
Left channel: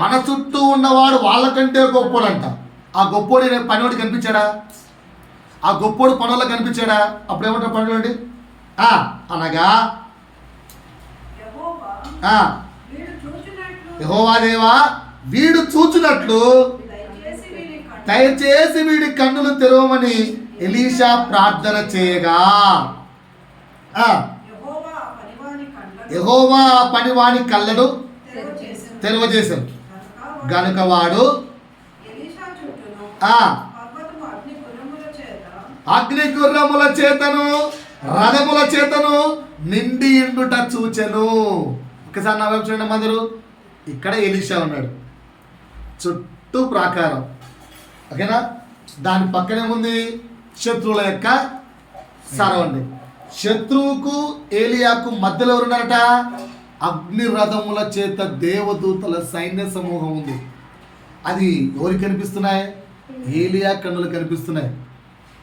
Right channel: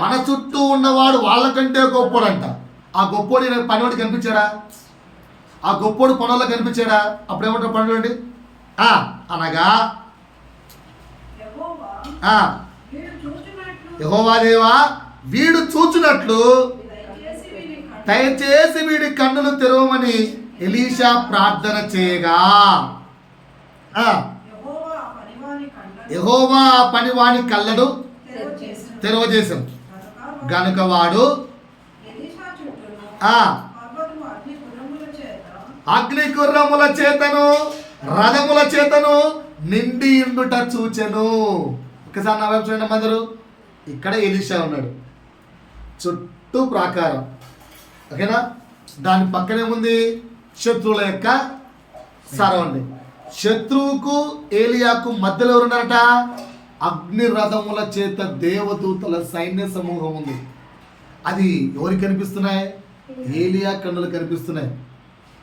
మన చుట్టూ ఉన్నవాడు వాళ్ళకంటే గొప్పోడంట. ఆ గొప్పోడు పనివాడు కనిపించాడా? ఆ గొప్పోడు పనుల్లో కనిపించాడా? అప్పుడు ఏమంటారు పనులు? అనగా యెహోవా దేవా, వీడు చూచినట్లు దయచేసి వీడి కన్నులు తెరవమని ఎలీషా ప్రార్థన చేయగా, యెహోవా ఆ పనివాని కళ్ళను తెరవజేశాను. గనుక వాడు అగ్ని గుర్రముల చేతను, రథముల చేతను నిండి ఇండుట చూచెను. ఒకసారి నా వైపు చూడండి అందరూ. ఇక్కడ ఎలీషా ఉన్నాడు, చుట్టూ ప్రాకారం, ఓకేనా? దాని పక్కనే ఉంది శత్రువుల యొక్క సరవండి. శత్రువుకు ఏలియాకు మధ్యలో ఎవరున్నారట? అగ్ని రథముల చేత దేవదూతల సైన్య సమూహం ఉంది. అది ఎవరికి కనిపిస్తున్నాయి? ఏలియా కన్నులు కనిపిస్తున్నాయి,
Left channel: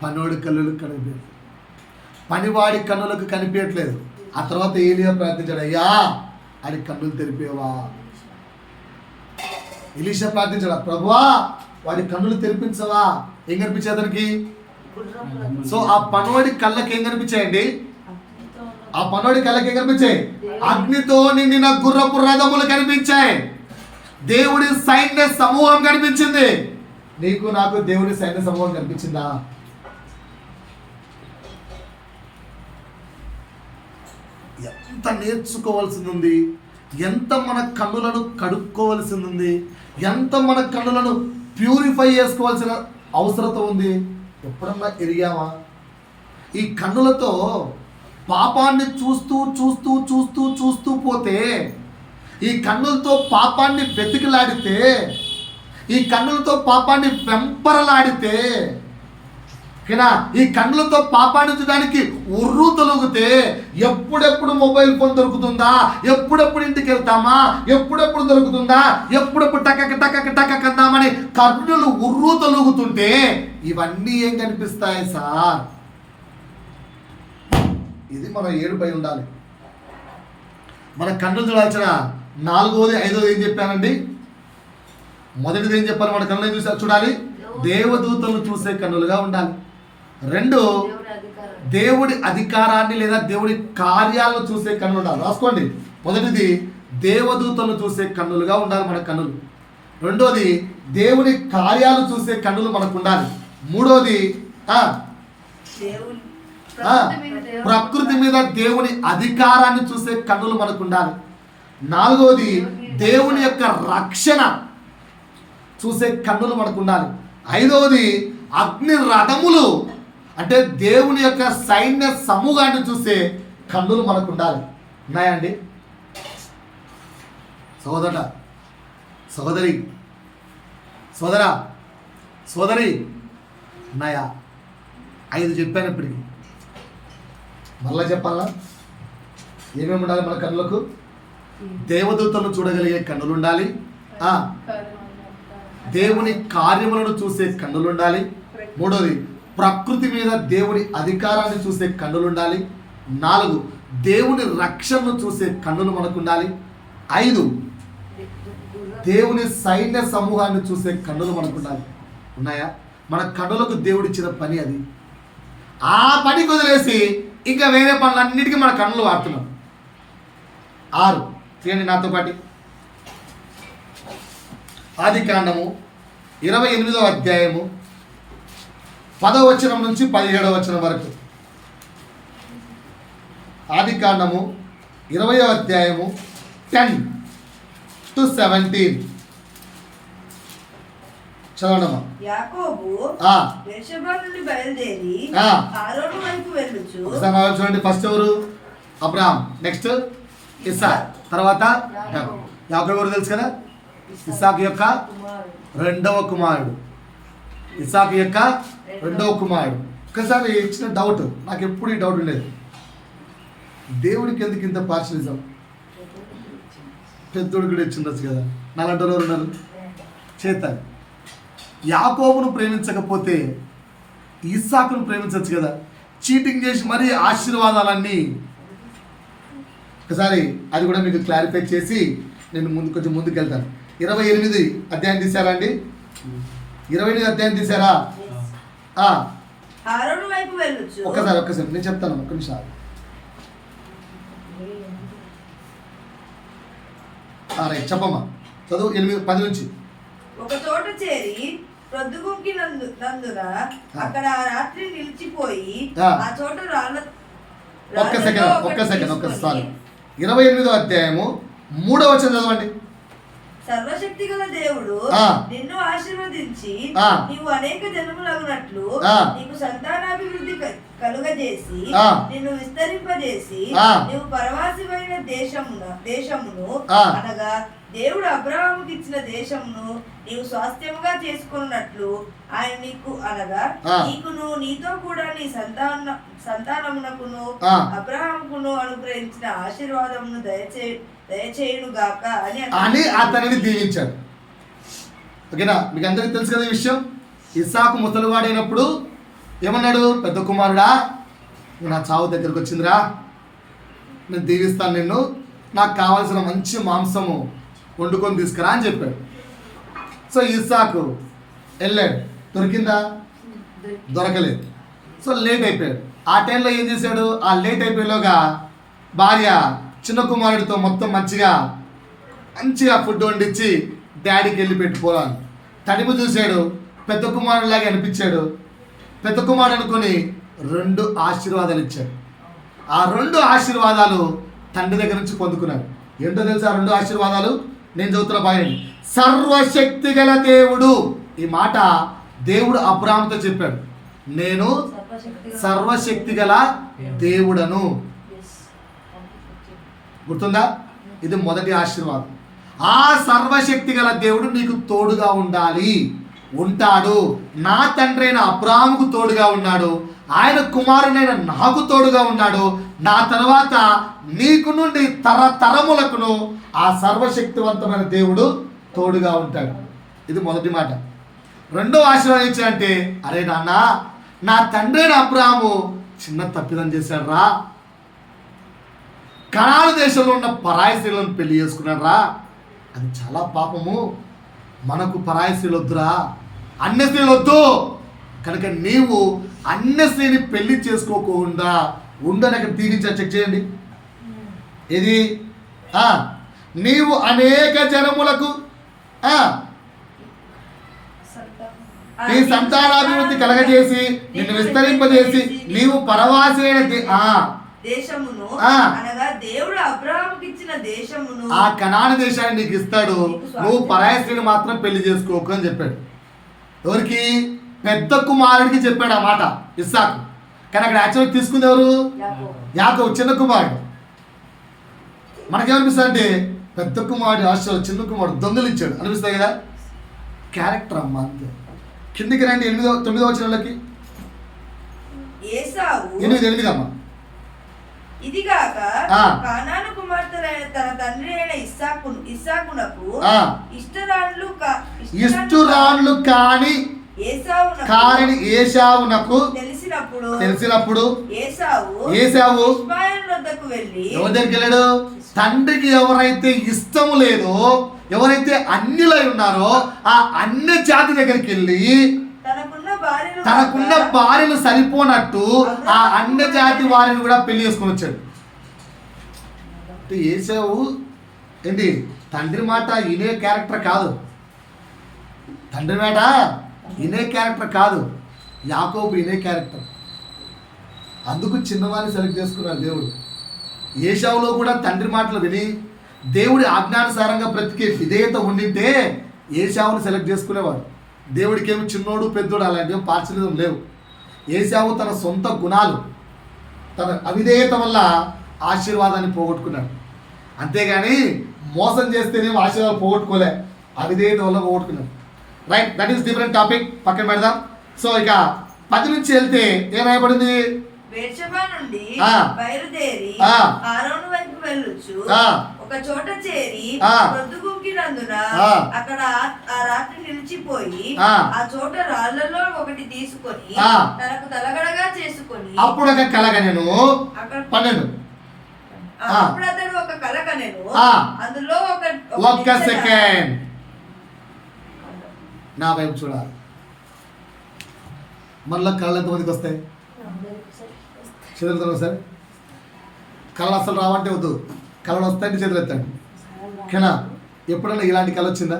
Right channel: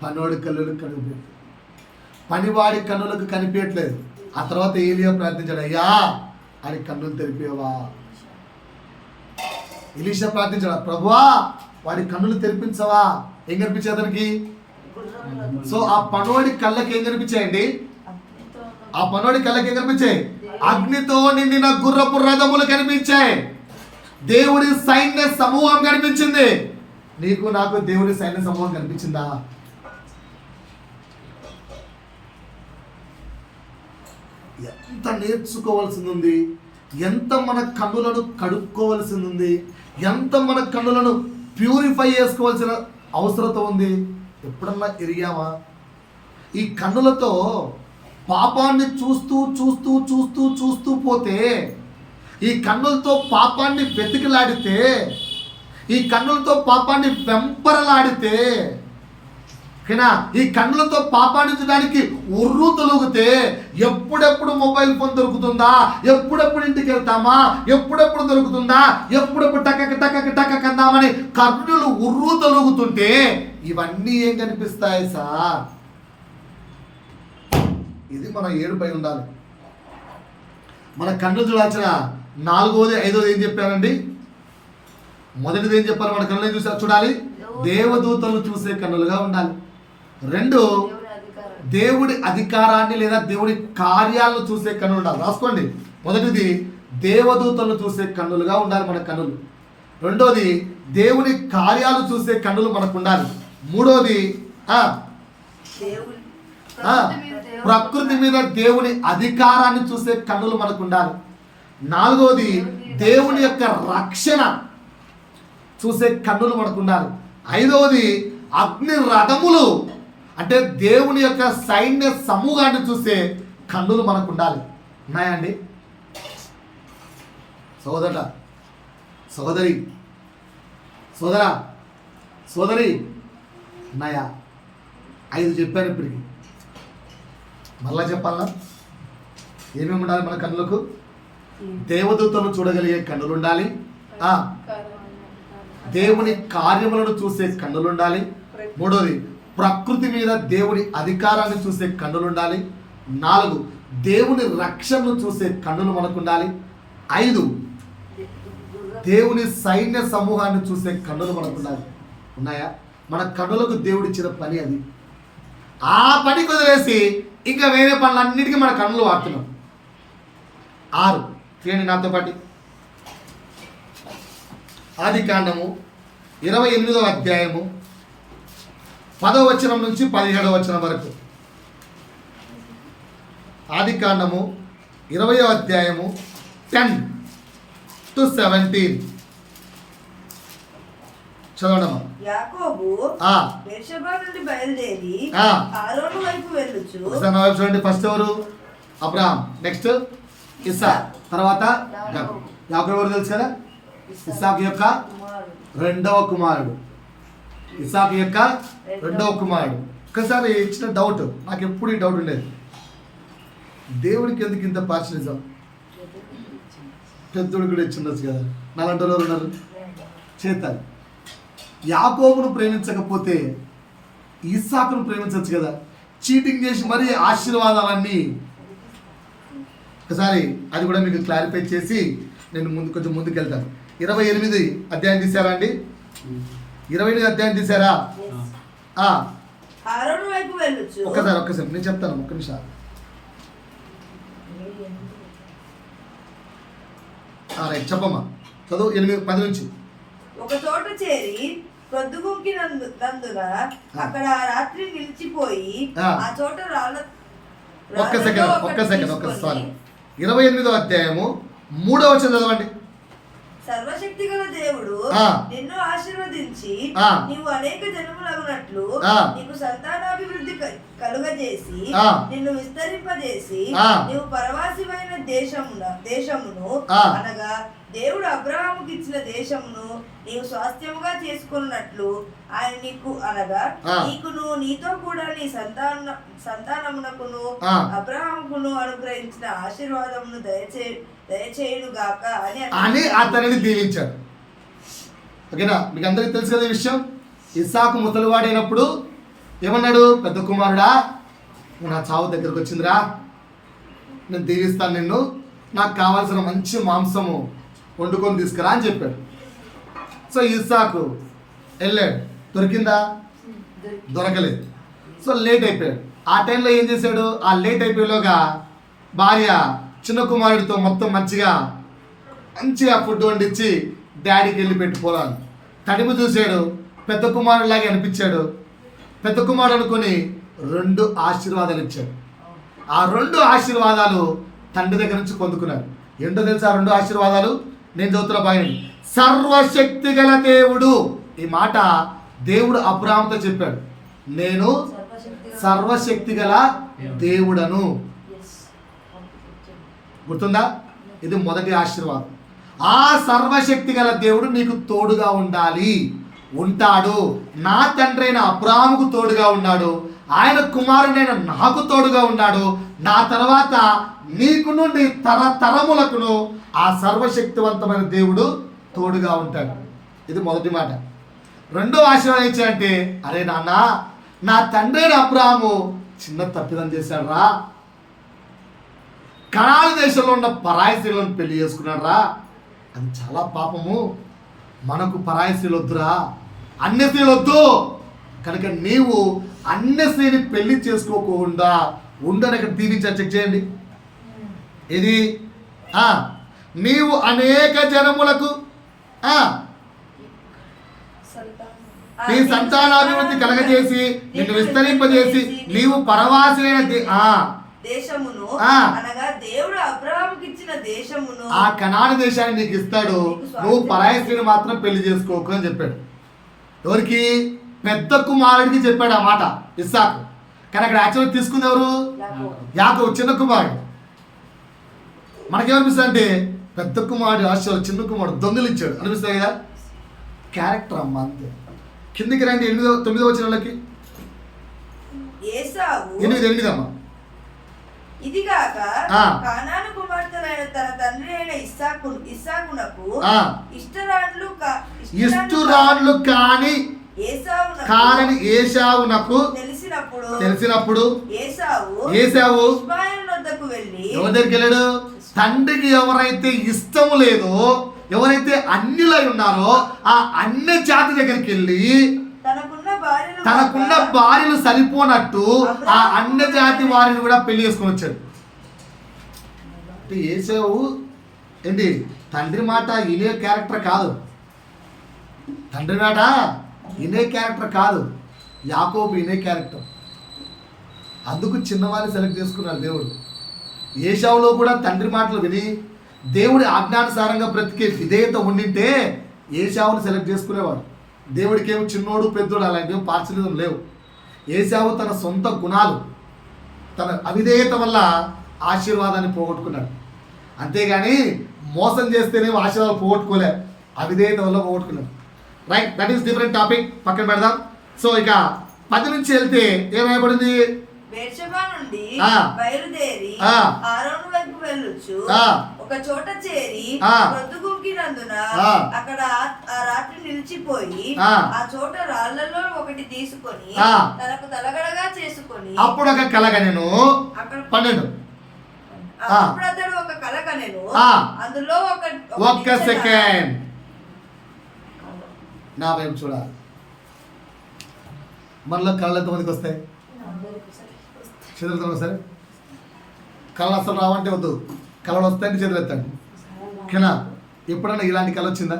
పనివాడి కన్నులకు కనిపించలేదు. పనివాడి కన్నులకు కనిపించట్లేదు. ఆ తర్వాత ఏలియా ప్రార్థించాడు, అయ్యా అని కన్నులు తెరిపేవా? ఎలీషా ప్రార్థించాడు, ప్రభువా వాడి కన్నులు తెరిపించవా? ఏం కనిపించే అతనికి? సో ఆ పనోడి కళ్ళకి ఏం కనిపించాయండి? ఆ పనోడి కళ్ళకి ఏం కనిపించాయి? అగ్నితో నిండిన గుర్రపు రథములు కనిపించాయి, దేవుడి సైన్య సమూహం కనిపించింది. నీకు నాకు దేవుడి సైన్య సమూహం కనిపించిందా? ఎంత నేర్చుకోవాల్సింది ఉంది, ఎంత మన కన్నులను కడుక్కోవలసింది ఉంది, ఎంత మన కన్నులను ప్యూరిఫై చేసుకోవాల్సిన అవసరత ఉంది. ఎప్పుడన్నా ఎరిగామా? ఈ కన్నులతో పాపాన్ని చూస్తూ చూస్తూ చూస్తూ చూస్తూ పోతే, ఈ కన్నులతో పాపాన్ని వెతికిలాడితే, ఈ కన్నులతో పాపాన్ని వెంపరలాడితే, ఈ కన్నులతో పాపాన్ని చూడడానికి ఉర్రు తొలుగుతే, ఎప్పుడెప్పుడు మొబైల్ ఫోన్ దొరుకుతుందా, ఎప్పుడెప్పుడు ఇంటికి వెళ్తామా, ఎప్పుడెప్పుడు దొరుకుతుందా, ఎప్పుడెప్పుడు టక్క కందామని కన్నులు ఉర్రు తొలుగుతుంటే ఇవన్నీ ఏం కనిపిస్తాయి సార్? ఇది మన ఏడుపై ఉండాలి. మన కన్ను చూడాల్సిన 4వది 5వది ఏం చెప్పానండి? మొదటిది ఏం చెప్పాలి? మన కన్నులు చూడాలి, దేవదూతలు చూసే కన్నులుగా ఉండాలి. 2, దేవుడి అధికారాన్ని లేదా దేవుడి కార్యాలను చూసే కన్నులు ఉండాలి. రాసుకోండి. మొదటిది దేవదూతలు చూసే కన్నులుగా ఉండాలి మన కన్నులు. 2వది దేవుని కార్యాలు చూసే కన్నులు మనకు ఉండాలి. 3వది ప్రకృతి మీద దేవుని అధికారాన్ని చూసే కన్నులు మనకు ఉండాలి. 4వది దేవుని యొక్క రక్షణ చూసే కన్నులు మనకు ఉండాలి. 5వది అగ్ని రథములు అంటే దేవుని యొక్క సైన్య సమూహాన్ని చూసే కన్నులు మనకు ఉండాలి. ఉన్నాయండి సోదర సోదరి సోదరా సోదరి? ఉన్నాయా? 5 చెప్పాను. ఇప్పటికి మళ్ళా చెప్పాలా? ఏమేమి ఉండాలి మన కన్నులకు? దేవదూతలను చూడగలిగే కన్నులు ఉండాలి, దేవుని కార్యములను చూసే కన్నులు ఉండాలి. 3వది ప్రకృతి మీద దేవుని అధికారాన్ని చూసే కన్నులు ఉండాలి. 4 దేవుని రక్షణను చూసే కన్నులు మనకు ఉండాలి. 5 దేవుని సైన్య సమూహాన్ని చూసే కన్నులు మనకు ఉండాలి. ఉన్నాయా? మన కన్నులకు దేవుడిచ్చిన పని అది. ఆ పనికి వదిలేసి ఇంకా వేరే పనులన్నిటికీ మన కన్నులు వాడుతున్నాం. 6 చేయండి నాతో పాటు. ఆదికాండము 28వ అధ్యాయము 10వ వచనం నుంచి 17వ వచనం వరకు. ఆదికాండము 20వ అధ్యాయము 10 to 17 చదవడమా? యాకోబు బెర్షెబా నుండి బయలుదేరి హారోను వైపు వెళ్ళుచు. చూడండి, ఫస్ట్ ఎవరు? అబ్రహాం, నెక్స్ట్ ఇస్సాక్, తర్వాత యాకోబు ఎవరు తెలుసు కదా? ఇస్సాకు యొక్క 2వ కుమారుడు. ఇస్సాకు యొక్క 2వ కుమారుడు. ఒకసారి ఇచ్చిన డౌట్, నాకు ఎప్పుడు ఈ డౌట్ ఉండేది, దేవుడికి ఎందుకు ఇంత పార్షలిజం? పెద్దోడు కూడా ఇచ్చిండొచ్చు కదా, నాలంటి వాళ్ళు ఉన్నారు చేతాలి. యాకోబును ప్రేమించకపోతే ఇస్సాకును ప్రేమించవచ్చు కదా. చీటింగ్ చేసి మరీ ఆశీర్వాదాలన్నీ. ఒకసారి అది కూడా మీకు క్లారిఫై చేసి నేను కొంచెం ముందుకు వెళ్తాను. 28 అధ్యాయం తీసారా అండి? 28 అధ్యాయం తీసారా? ఒక్కసారి నేను చెప్తాను, ఒక్క నిమిషం. రైట్, చెప్పమ్మా, చదువు. 8-10 నుంచి. ఒక చోట చేరి ప్రొద్దుగుంకినందున అక్కడ రాత్రి నిలిచిపోయి ఆ చోట ఒక్క సెకండ్ సారీ. 28వ అధ్యాయము 3వ వచనం చదవండి. సర్వశక్తి గల దేవుడు నిన్ను ఆశీర్వదించి నీవు అనేక జన్మలగునట్లు నీకు సంతానాభివృద్ధి కలుగజేసి నిన్ను విస్తరింపజేసి నీవు పరవాసిమైన దేశమును అనగా దేవుడు అబ్రహాముకి ఇచ్చిన దేశమును నీవు స్వాస్థ్యముగా చేసుకున్నట్లు ఆయన నీకు అనగా నీకును నీతో కూడా నీ సంతానమునకును అబ్రహాముకును అనుగ్రహించిన ఆశీర్వాదమును దయచేయునుగాక అని అతనిని దీవించాడు. ఓకేనా? మీకు అందరికీ తెలుసు కదా ఈ విషయం. ఇస్సాకు ముసలివాడైనప్పుడు ఏమన్నాడు? పెద్ద కుమారుడా, నా చావు దగ్గరకు వచ్చిందిరా, నేను దీవిస్తాను నిన్ను, నాకు కావాల్సిన మంచి మాంసము వండుకొని తీసుకురా అని చెప్పాడు. సో ఇస్సాకు వెళ్ళాడు. దొరికిందా? దొరకలేదు. సో లేట్ అయిపోయాడు. ఆ టైంలో ఏం చేశాడు? ఆ లేట్ అయిపోయేలోగా భార్య చిన్న కుమారుడితో మొత్తం మంచిగా ఫుడ్ వండించి డాడీకి వెళ్ళి పెట్టుకోవాలి. తడిమి చూశాడు, పెద్ద కుమారుడిలాగే అనిపించాడు. పెద్ద కుమారుడు అనుకొని 2 ఆశీర్వాదాలు ఇచ్చాడు. ఆ 2 ఆశీర్వాదాలు తండ్రి దగ్గర నుంచి పొందుకున్నాడు. ఏంటో తెలుసా రెండు ఆశీర్వాదాలు? నేను చదువుతున్న భాగం. సర్వశక్తి గల దేవుడు. ఈ మాట దేవుడు అబ్రాహాముతో చెప్పాడు, నేను సర్వశక్తి గల దేవుడను. గుర్తుందా? ఇది మొదటి ఆశీర్వాదం. ఆ సర్వశక్తి గల దేవుడు నీకు తోడుగా ఉండాలి, ఉంటాడు. నా తండ్రి అయిన అబ్రాహాముకు తోడుగా ఉన్నాడు, ఆయన కుమారుడైన నాకు తోడుగా ఉన్నాడు. నా తర్వాత నీకు నుండి తరతరములకును ఆ సర్వశక్తివంతమైన దేవుడు తోడుగా ఉంటాడు. ఇది మొదటి మాట. రెండో ఆశీర్వాదం ఏంటంటే, అరే నాన్న, నా తండ్రి అయిన అబ్రాహాము చిన్న తప్పిదం చేశాడు రా, కనాను దేశంలో ఉన్న పరాయి స్త్రీలను పెళ్లి చేసుకున్నాడు రా, అది చాలా పాపము, మనకు పరాయి స్త్రీలు వద్దురా, అన్య స్త్రీలు వద్దు, కనుక నీవు అన్య స్త్రీని పెళ్లి చేసుకోకుండా ఉండని అక్కడ దీవించారు. చెక్ చేయండి. ఇది నీవు అనేక జనములకు నీ సంతానాభివృద్ధి కలగజేసి నిన్ను విస్తరింపజేసి నీవు పరవాసిన దేశమును అనగా దేవుడు అబ్రాహాముకి ఇచ్చిన దేశమును, ఆ కనాను దేశాన్ని నీకు ఇస్తాడు, నువ్వు పరాయి స్త్రీని మాత్రం పెళ్లి చేసుకోకు అని చెప్పాడు. ఎవరికి? పెద్ద కుమారుడికి చెప్పాడు ఆ మాట ఇస్సాకు. కానీ అక్కడ యాక్చువల్గా తీసుకుంది ఎవరు? యాకోబు, చిన్న కుమారుడు. మనకేమనిపిస్తుంది అంటే పెద్ద కుమారుడు ఆశ, చిన్న కుమారుడు దొంగలు ఇచ్చాడు అనిపిస్తాయి కదా. క్యారెక్టర్ అమ్మ అంతే. కిందికి రండి 9వ వచనంలోకి. 8 అమ్మ. ఇదిగాక కానాను కుమార్తెలైన తన తండ్రి అయిన ఇస్సాకునకు ఇష్టురాళ్ళు కాని ఏశావునకు తెలిసినప్పుడు ఏశావు ఎవరి దగ్గరికి వెళ్ళాడు? తండ్రికి ఎవరైతే ఇష్టం లేదో, ఎవరైతే అన్యులై ఉన్నారో ఆ అన్య జాతి దగ్గరికి వెళ్ళి తనకున్న భార్యలు సరిపోనట్టు ఆ అన్య జాతి వారిని కూడా పెళ్లి చేసుకుని వచ్చాడు. ఏశావు ఏంటి? తండ్రి మాట ఇనే క్యారెక్టర్ కాదు, తండ్రి మాట ఇనే క్యారెక్టర్ కాదు, యాకోబు ఇనే క్యారెక్టర్. అందుకు చిన్నవారిని సెలెక్ట్ చేసుకున్నాడు దేవుడు. ఏశావులో కూడా తండ్రి మాటలు విని దేవుడి ఆజ్ఞానుసారంగా బ్రతికే విధేయత ఉండింటే ఏశావుని సెలెక్ట్ చేసుకునేవాడు. దేవుడికి ఏమి చిన్నోడు పెద్దోడు అలాంటివి పార్చలిజం లేవు. ఏశావు తన సొంత గుణాలు, తన అవిధేయత వల్ల ఆశీర్వాదాన్ని పోగొట్టుకున్నాడు. అంతేగాని మోసం చేస్తేనేమో ఆశీర్వాదాలు పోగొట్టుకోలే, అవిధేయత వల్ల పోగొట్టుకున్నాడు. Right, that is different topic, పక్కన పెడదాం. సో ఇక 10 నుంచి వెళ్తే ఏమైపడింది? బెర్షెబా నుండి బయలుదేరి ఆరోను వైపు వెళ్ళొచ్చు ఒక చోట చేరి పొద్దుగుంకినందున అక్కడ ఆ రాత్రి నిలిచిపోయి ఆ చోట రాళ్లలో ఒకటి తీసుకొని తనకు తలగడగా చేసుకొని అప్పుడు ఒక కలగనెను 12 అప్పుడు అతడు ఒక కలగనెను అందులో ఒక్క సెకండ్ నా వైపు చూడాలి. మనలో కళ్ళు ఎంతమందికి వస్తాయి? చేతులు సార్, కళలు అసలు రావంటే వద్దు, కళలు వస్తాయంటే చేతులు ఎత్తండి. ఓకేనా? ఎప్పుడైనా ఇలాంటి కళ వచ్చిందా?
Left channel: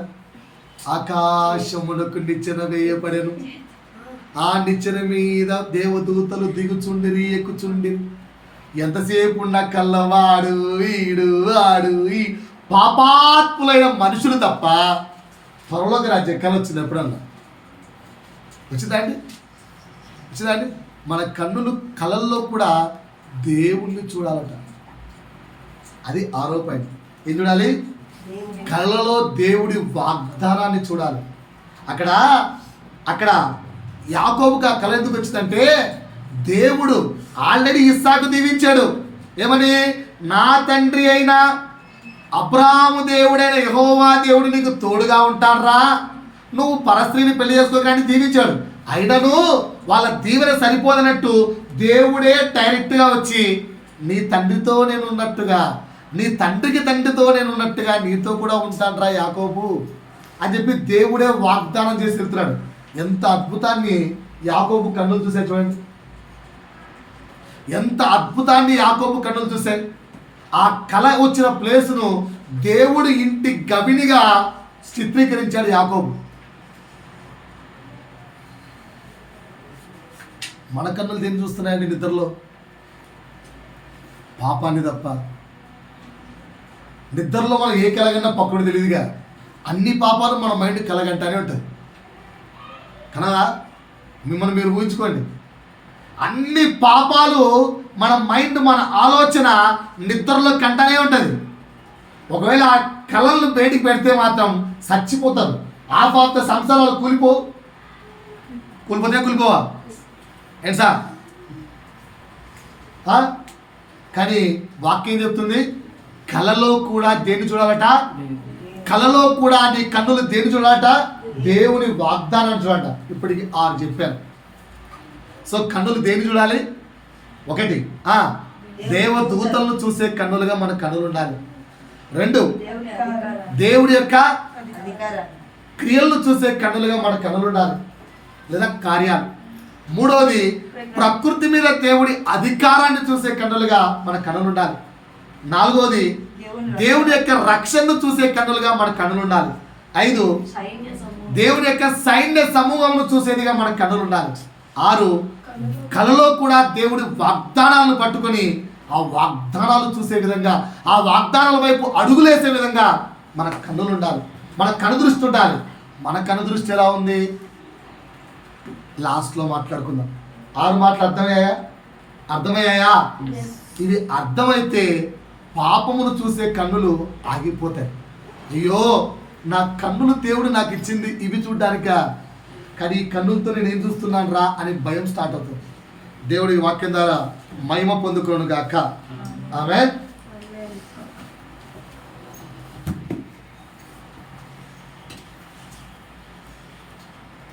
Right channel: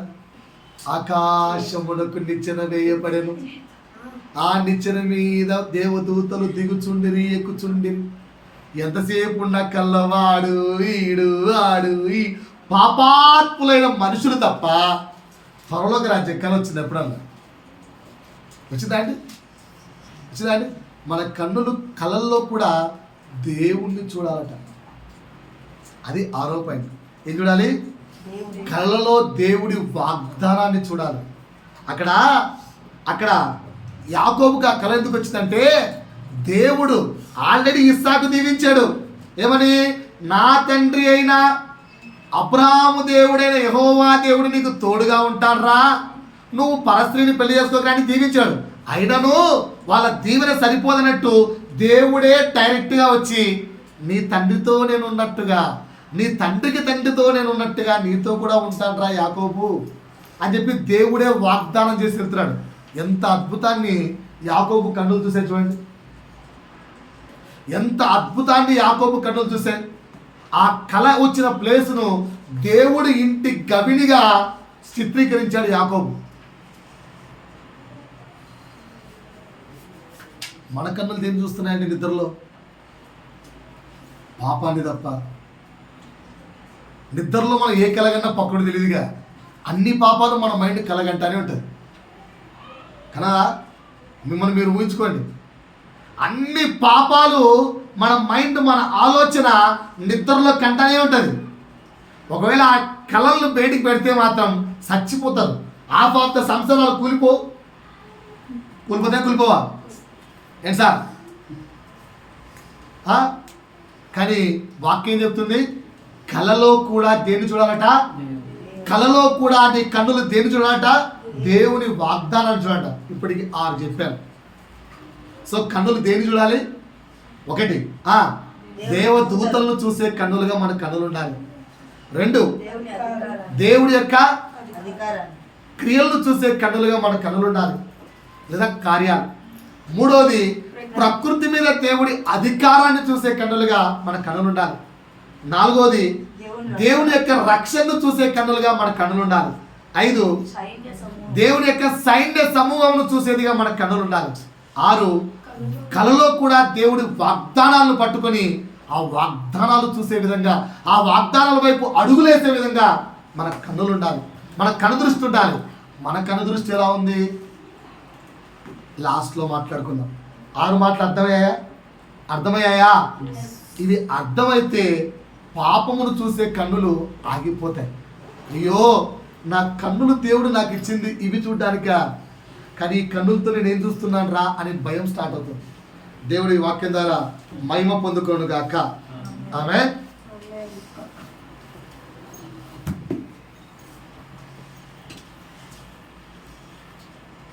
ఆకాశమునకు నిచ్చెన వేయబడెను, ఆ నిచ్చెన మీద దేవదూతలు దిగుచుండిరి ఎక్కుచుండిరి. ఎంతసేపు ఉన్న కళ్ళవాడు వీడు ఆడు ఈ పాపాత్ములైన మనుషులు తప్ప త్వరలోకి రాజ్యం కళ వచ్చింది ఎప్పుడన్నా? వచ్చిందా అండి? మన కన్నులు కళల్లో కూడా దేవుణ్ణి చూడాలట. అది 6వ పాయింట్. ఏం చూడాలి? కళలలో దేవుడి వాగ్దానాన్ని చూడాలి. అక్కడ యాకోబుకి ఆ కళ ఎందుకు వచ్చిందంటే దేవుడు ఆల్రెడీ ఇస్సాకు దీవించాడు. ఏమని? నా తండ్రి అయిన అబ్రాహాము దేవుడైన యెహోవా దేవుడు నీకు తోడుగా ఉంటాడురా, నువ్వు పరస్త్రీని పెళ్లి చేసుకోకని దీవించాడు. అయినను వాళ్ళ దీవెన సరిపోదన్నట్టు దేవుడే డైరెక్ట్గా వచ్చి నీ తండ్రితో నేను ఉన్నట్టుగా, నీ తండ్రికి తండ్రితో నేను ఉన్నట్టుగా నీతో కూడా ఉంటాడురా యాకోబు అని చెప్పి దేవుడే వాగ్దానం చేసి వెళ్తున్నాడు. ఎంత అద్భుతాన్ని యాకోబు కన్నులు చూసాయి చూడండి, ఎంత అద్భుతాన్ని యాకోబు కన్నులు చూసాయి. ఆ కళ వచ్చిన ప్లేసును దేవుడు ఇంటి గవినిగా చిత్రీకరించాడు యాకోబు. మన కన్నులు దేన్ని చూస్తున్నాయండి? నిద్రలో పాపాన్ని తప్ప. నిద్రలో మనం ఏ కలగన్నా పక్కడు తెలియదుగా, అన్ని పాపాలు మన మైండ్ కలగంటానే ఉంటుంది కదా. మిమ్మల్ని మీరు ఊహించుకోండి, అన్ని పాపాలు మన మైండ్, మన ఆలోచన నిద్రలో కంటనే ఉంటుంది. ఒకవేళ ఆ కళలను బయటికి పెడితే మాత్రం చచ్చిపోతారు. హాఫ్ ఆఫ్ ద సంవత్సరాలు కూలిపోవా ఏంటి సార్? కానీ వాక్యం చెప్తుంది, కళలో కూడా దేన్ని చూడాలట? కళలో కూడా నీ కన్నులు దేన్ని చూడాలట? దేవుని వాగ్దానాన్ని చూడాలట. ఇప్పటికి 6 చెప్పాను. సో కన్నులు దేన్ని చూడాలి? 1, దేవదూతలను చూసే కన్నులుగా మన కన్నులు ఉండాలి. 2, దేవుడి యొక్క క్రియలను చూసే కన్నులుగా మన కన్నులు ఉండాలి, లేదా కార్యాలు. 3వది, ప్రకృతి మీద దేవుడి అధికారాన్ని చూసే కన్నులుగా మన కన్నులు ఉండాలి. 4వది, దేవుని యొక్క రక్షణను చూసే కన్నులుగా మన కన్నులు ఉండాలి. 5, దేవుని యొక్క సైన్య సమూహమును చూసేదిగా మన కన్నులు ఉండాలి. 6, కలలో కూడా దేవుడి వాగ్దానాలను పట్టుకొని ఆ వాగ్దానాలు చూసే విధంగా, ఆ వాగ్దానాల వైపు అడుగులేసే విధంగా మన కన్నులు ఉండాలి, మన కనుదృష్టి ఉండాలి. మన కనుదృష్టి ఎలా ఉంది? లాస్ట్లో మాట్లాడుకుందాం. 6 మాటలు అర్థమయ్యాయా? ఇది అర్థమైతే పాపమును చూసే కన్నులు ఆగిపోతాయి. అయ్యో, నా కన్నులు దేవుడు నాకు ఇచ్చింది ఇవి చూడ్డానికా, కానీ ఈ కన్నులతో నేను ఏం చూస్తున్నాను రా అని భయం స్టార్ట్ అవుతుంది. దేవుడి వాక్యం ద్వారా మహిమ పొందుకోను గాక. ఆమేన్.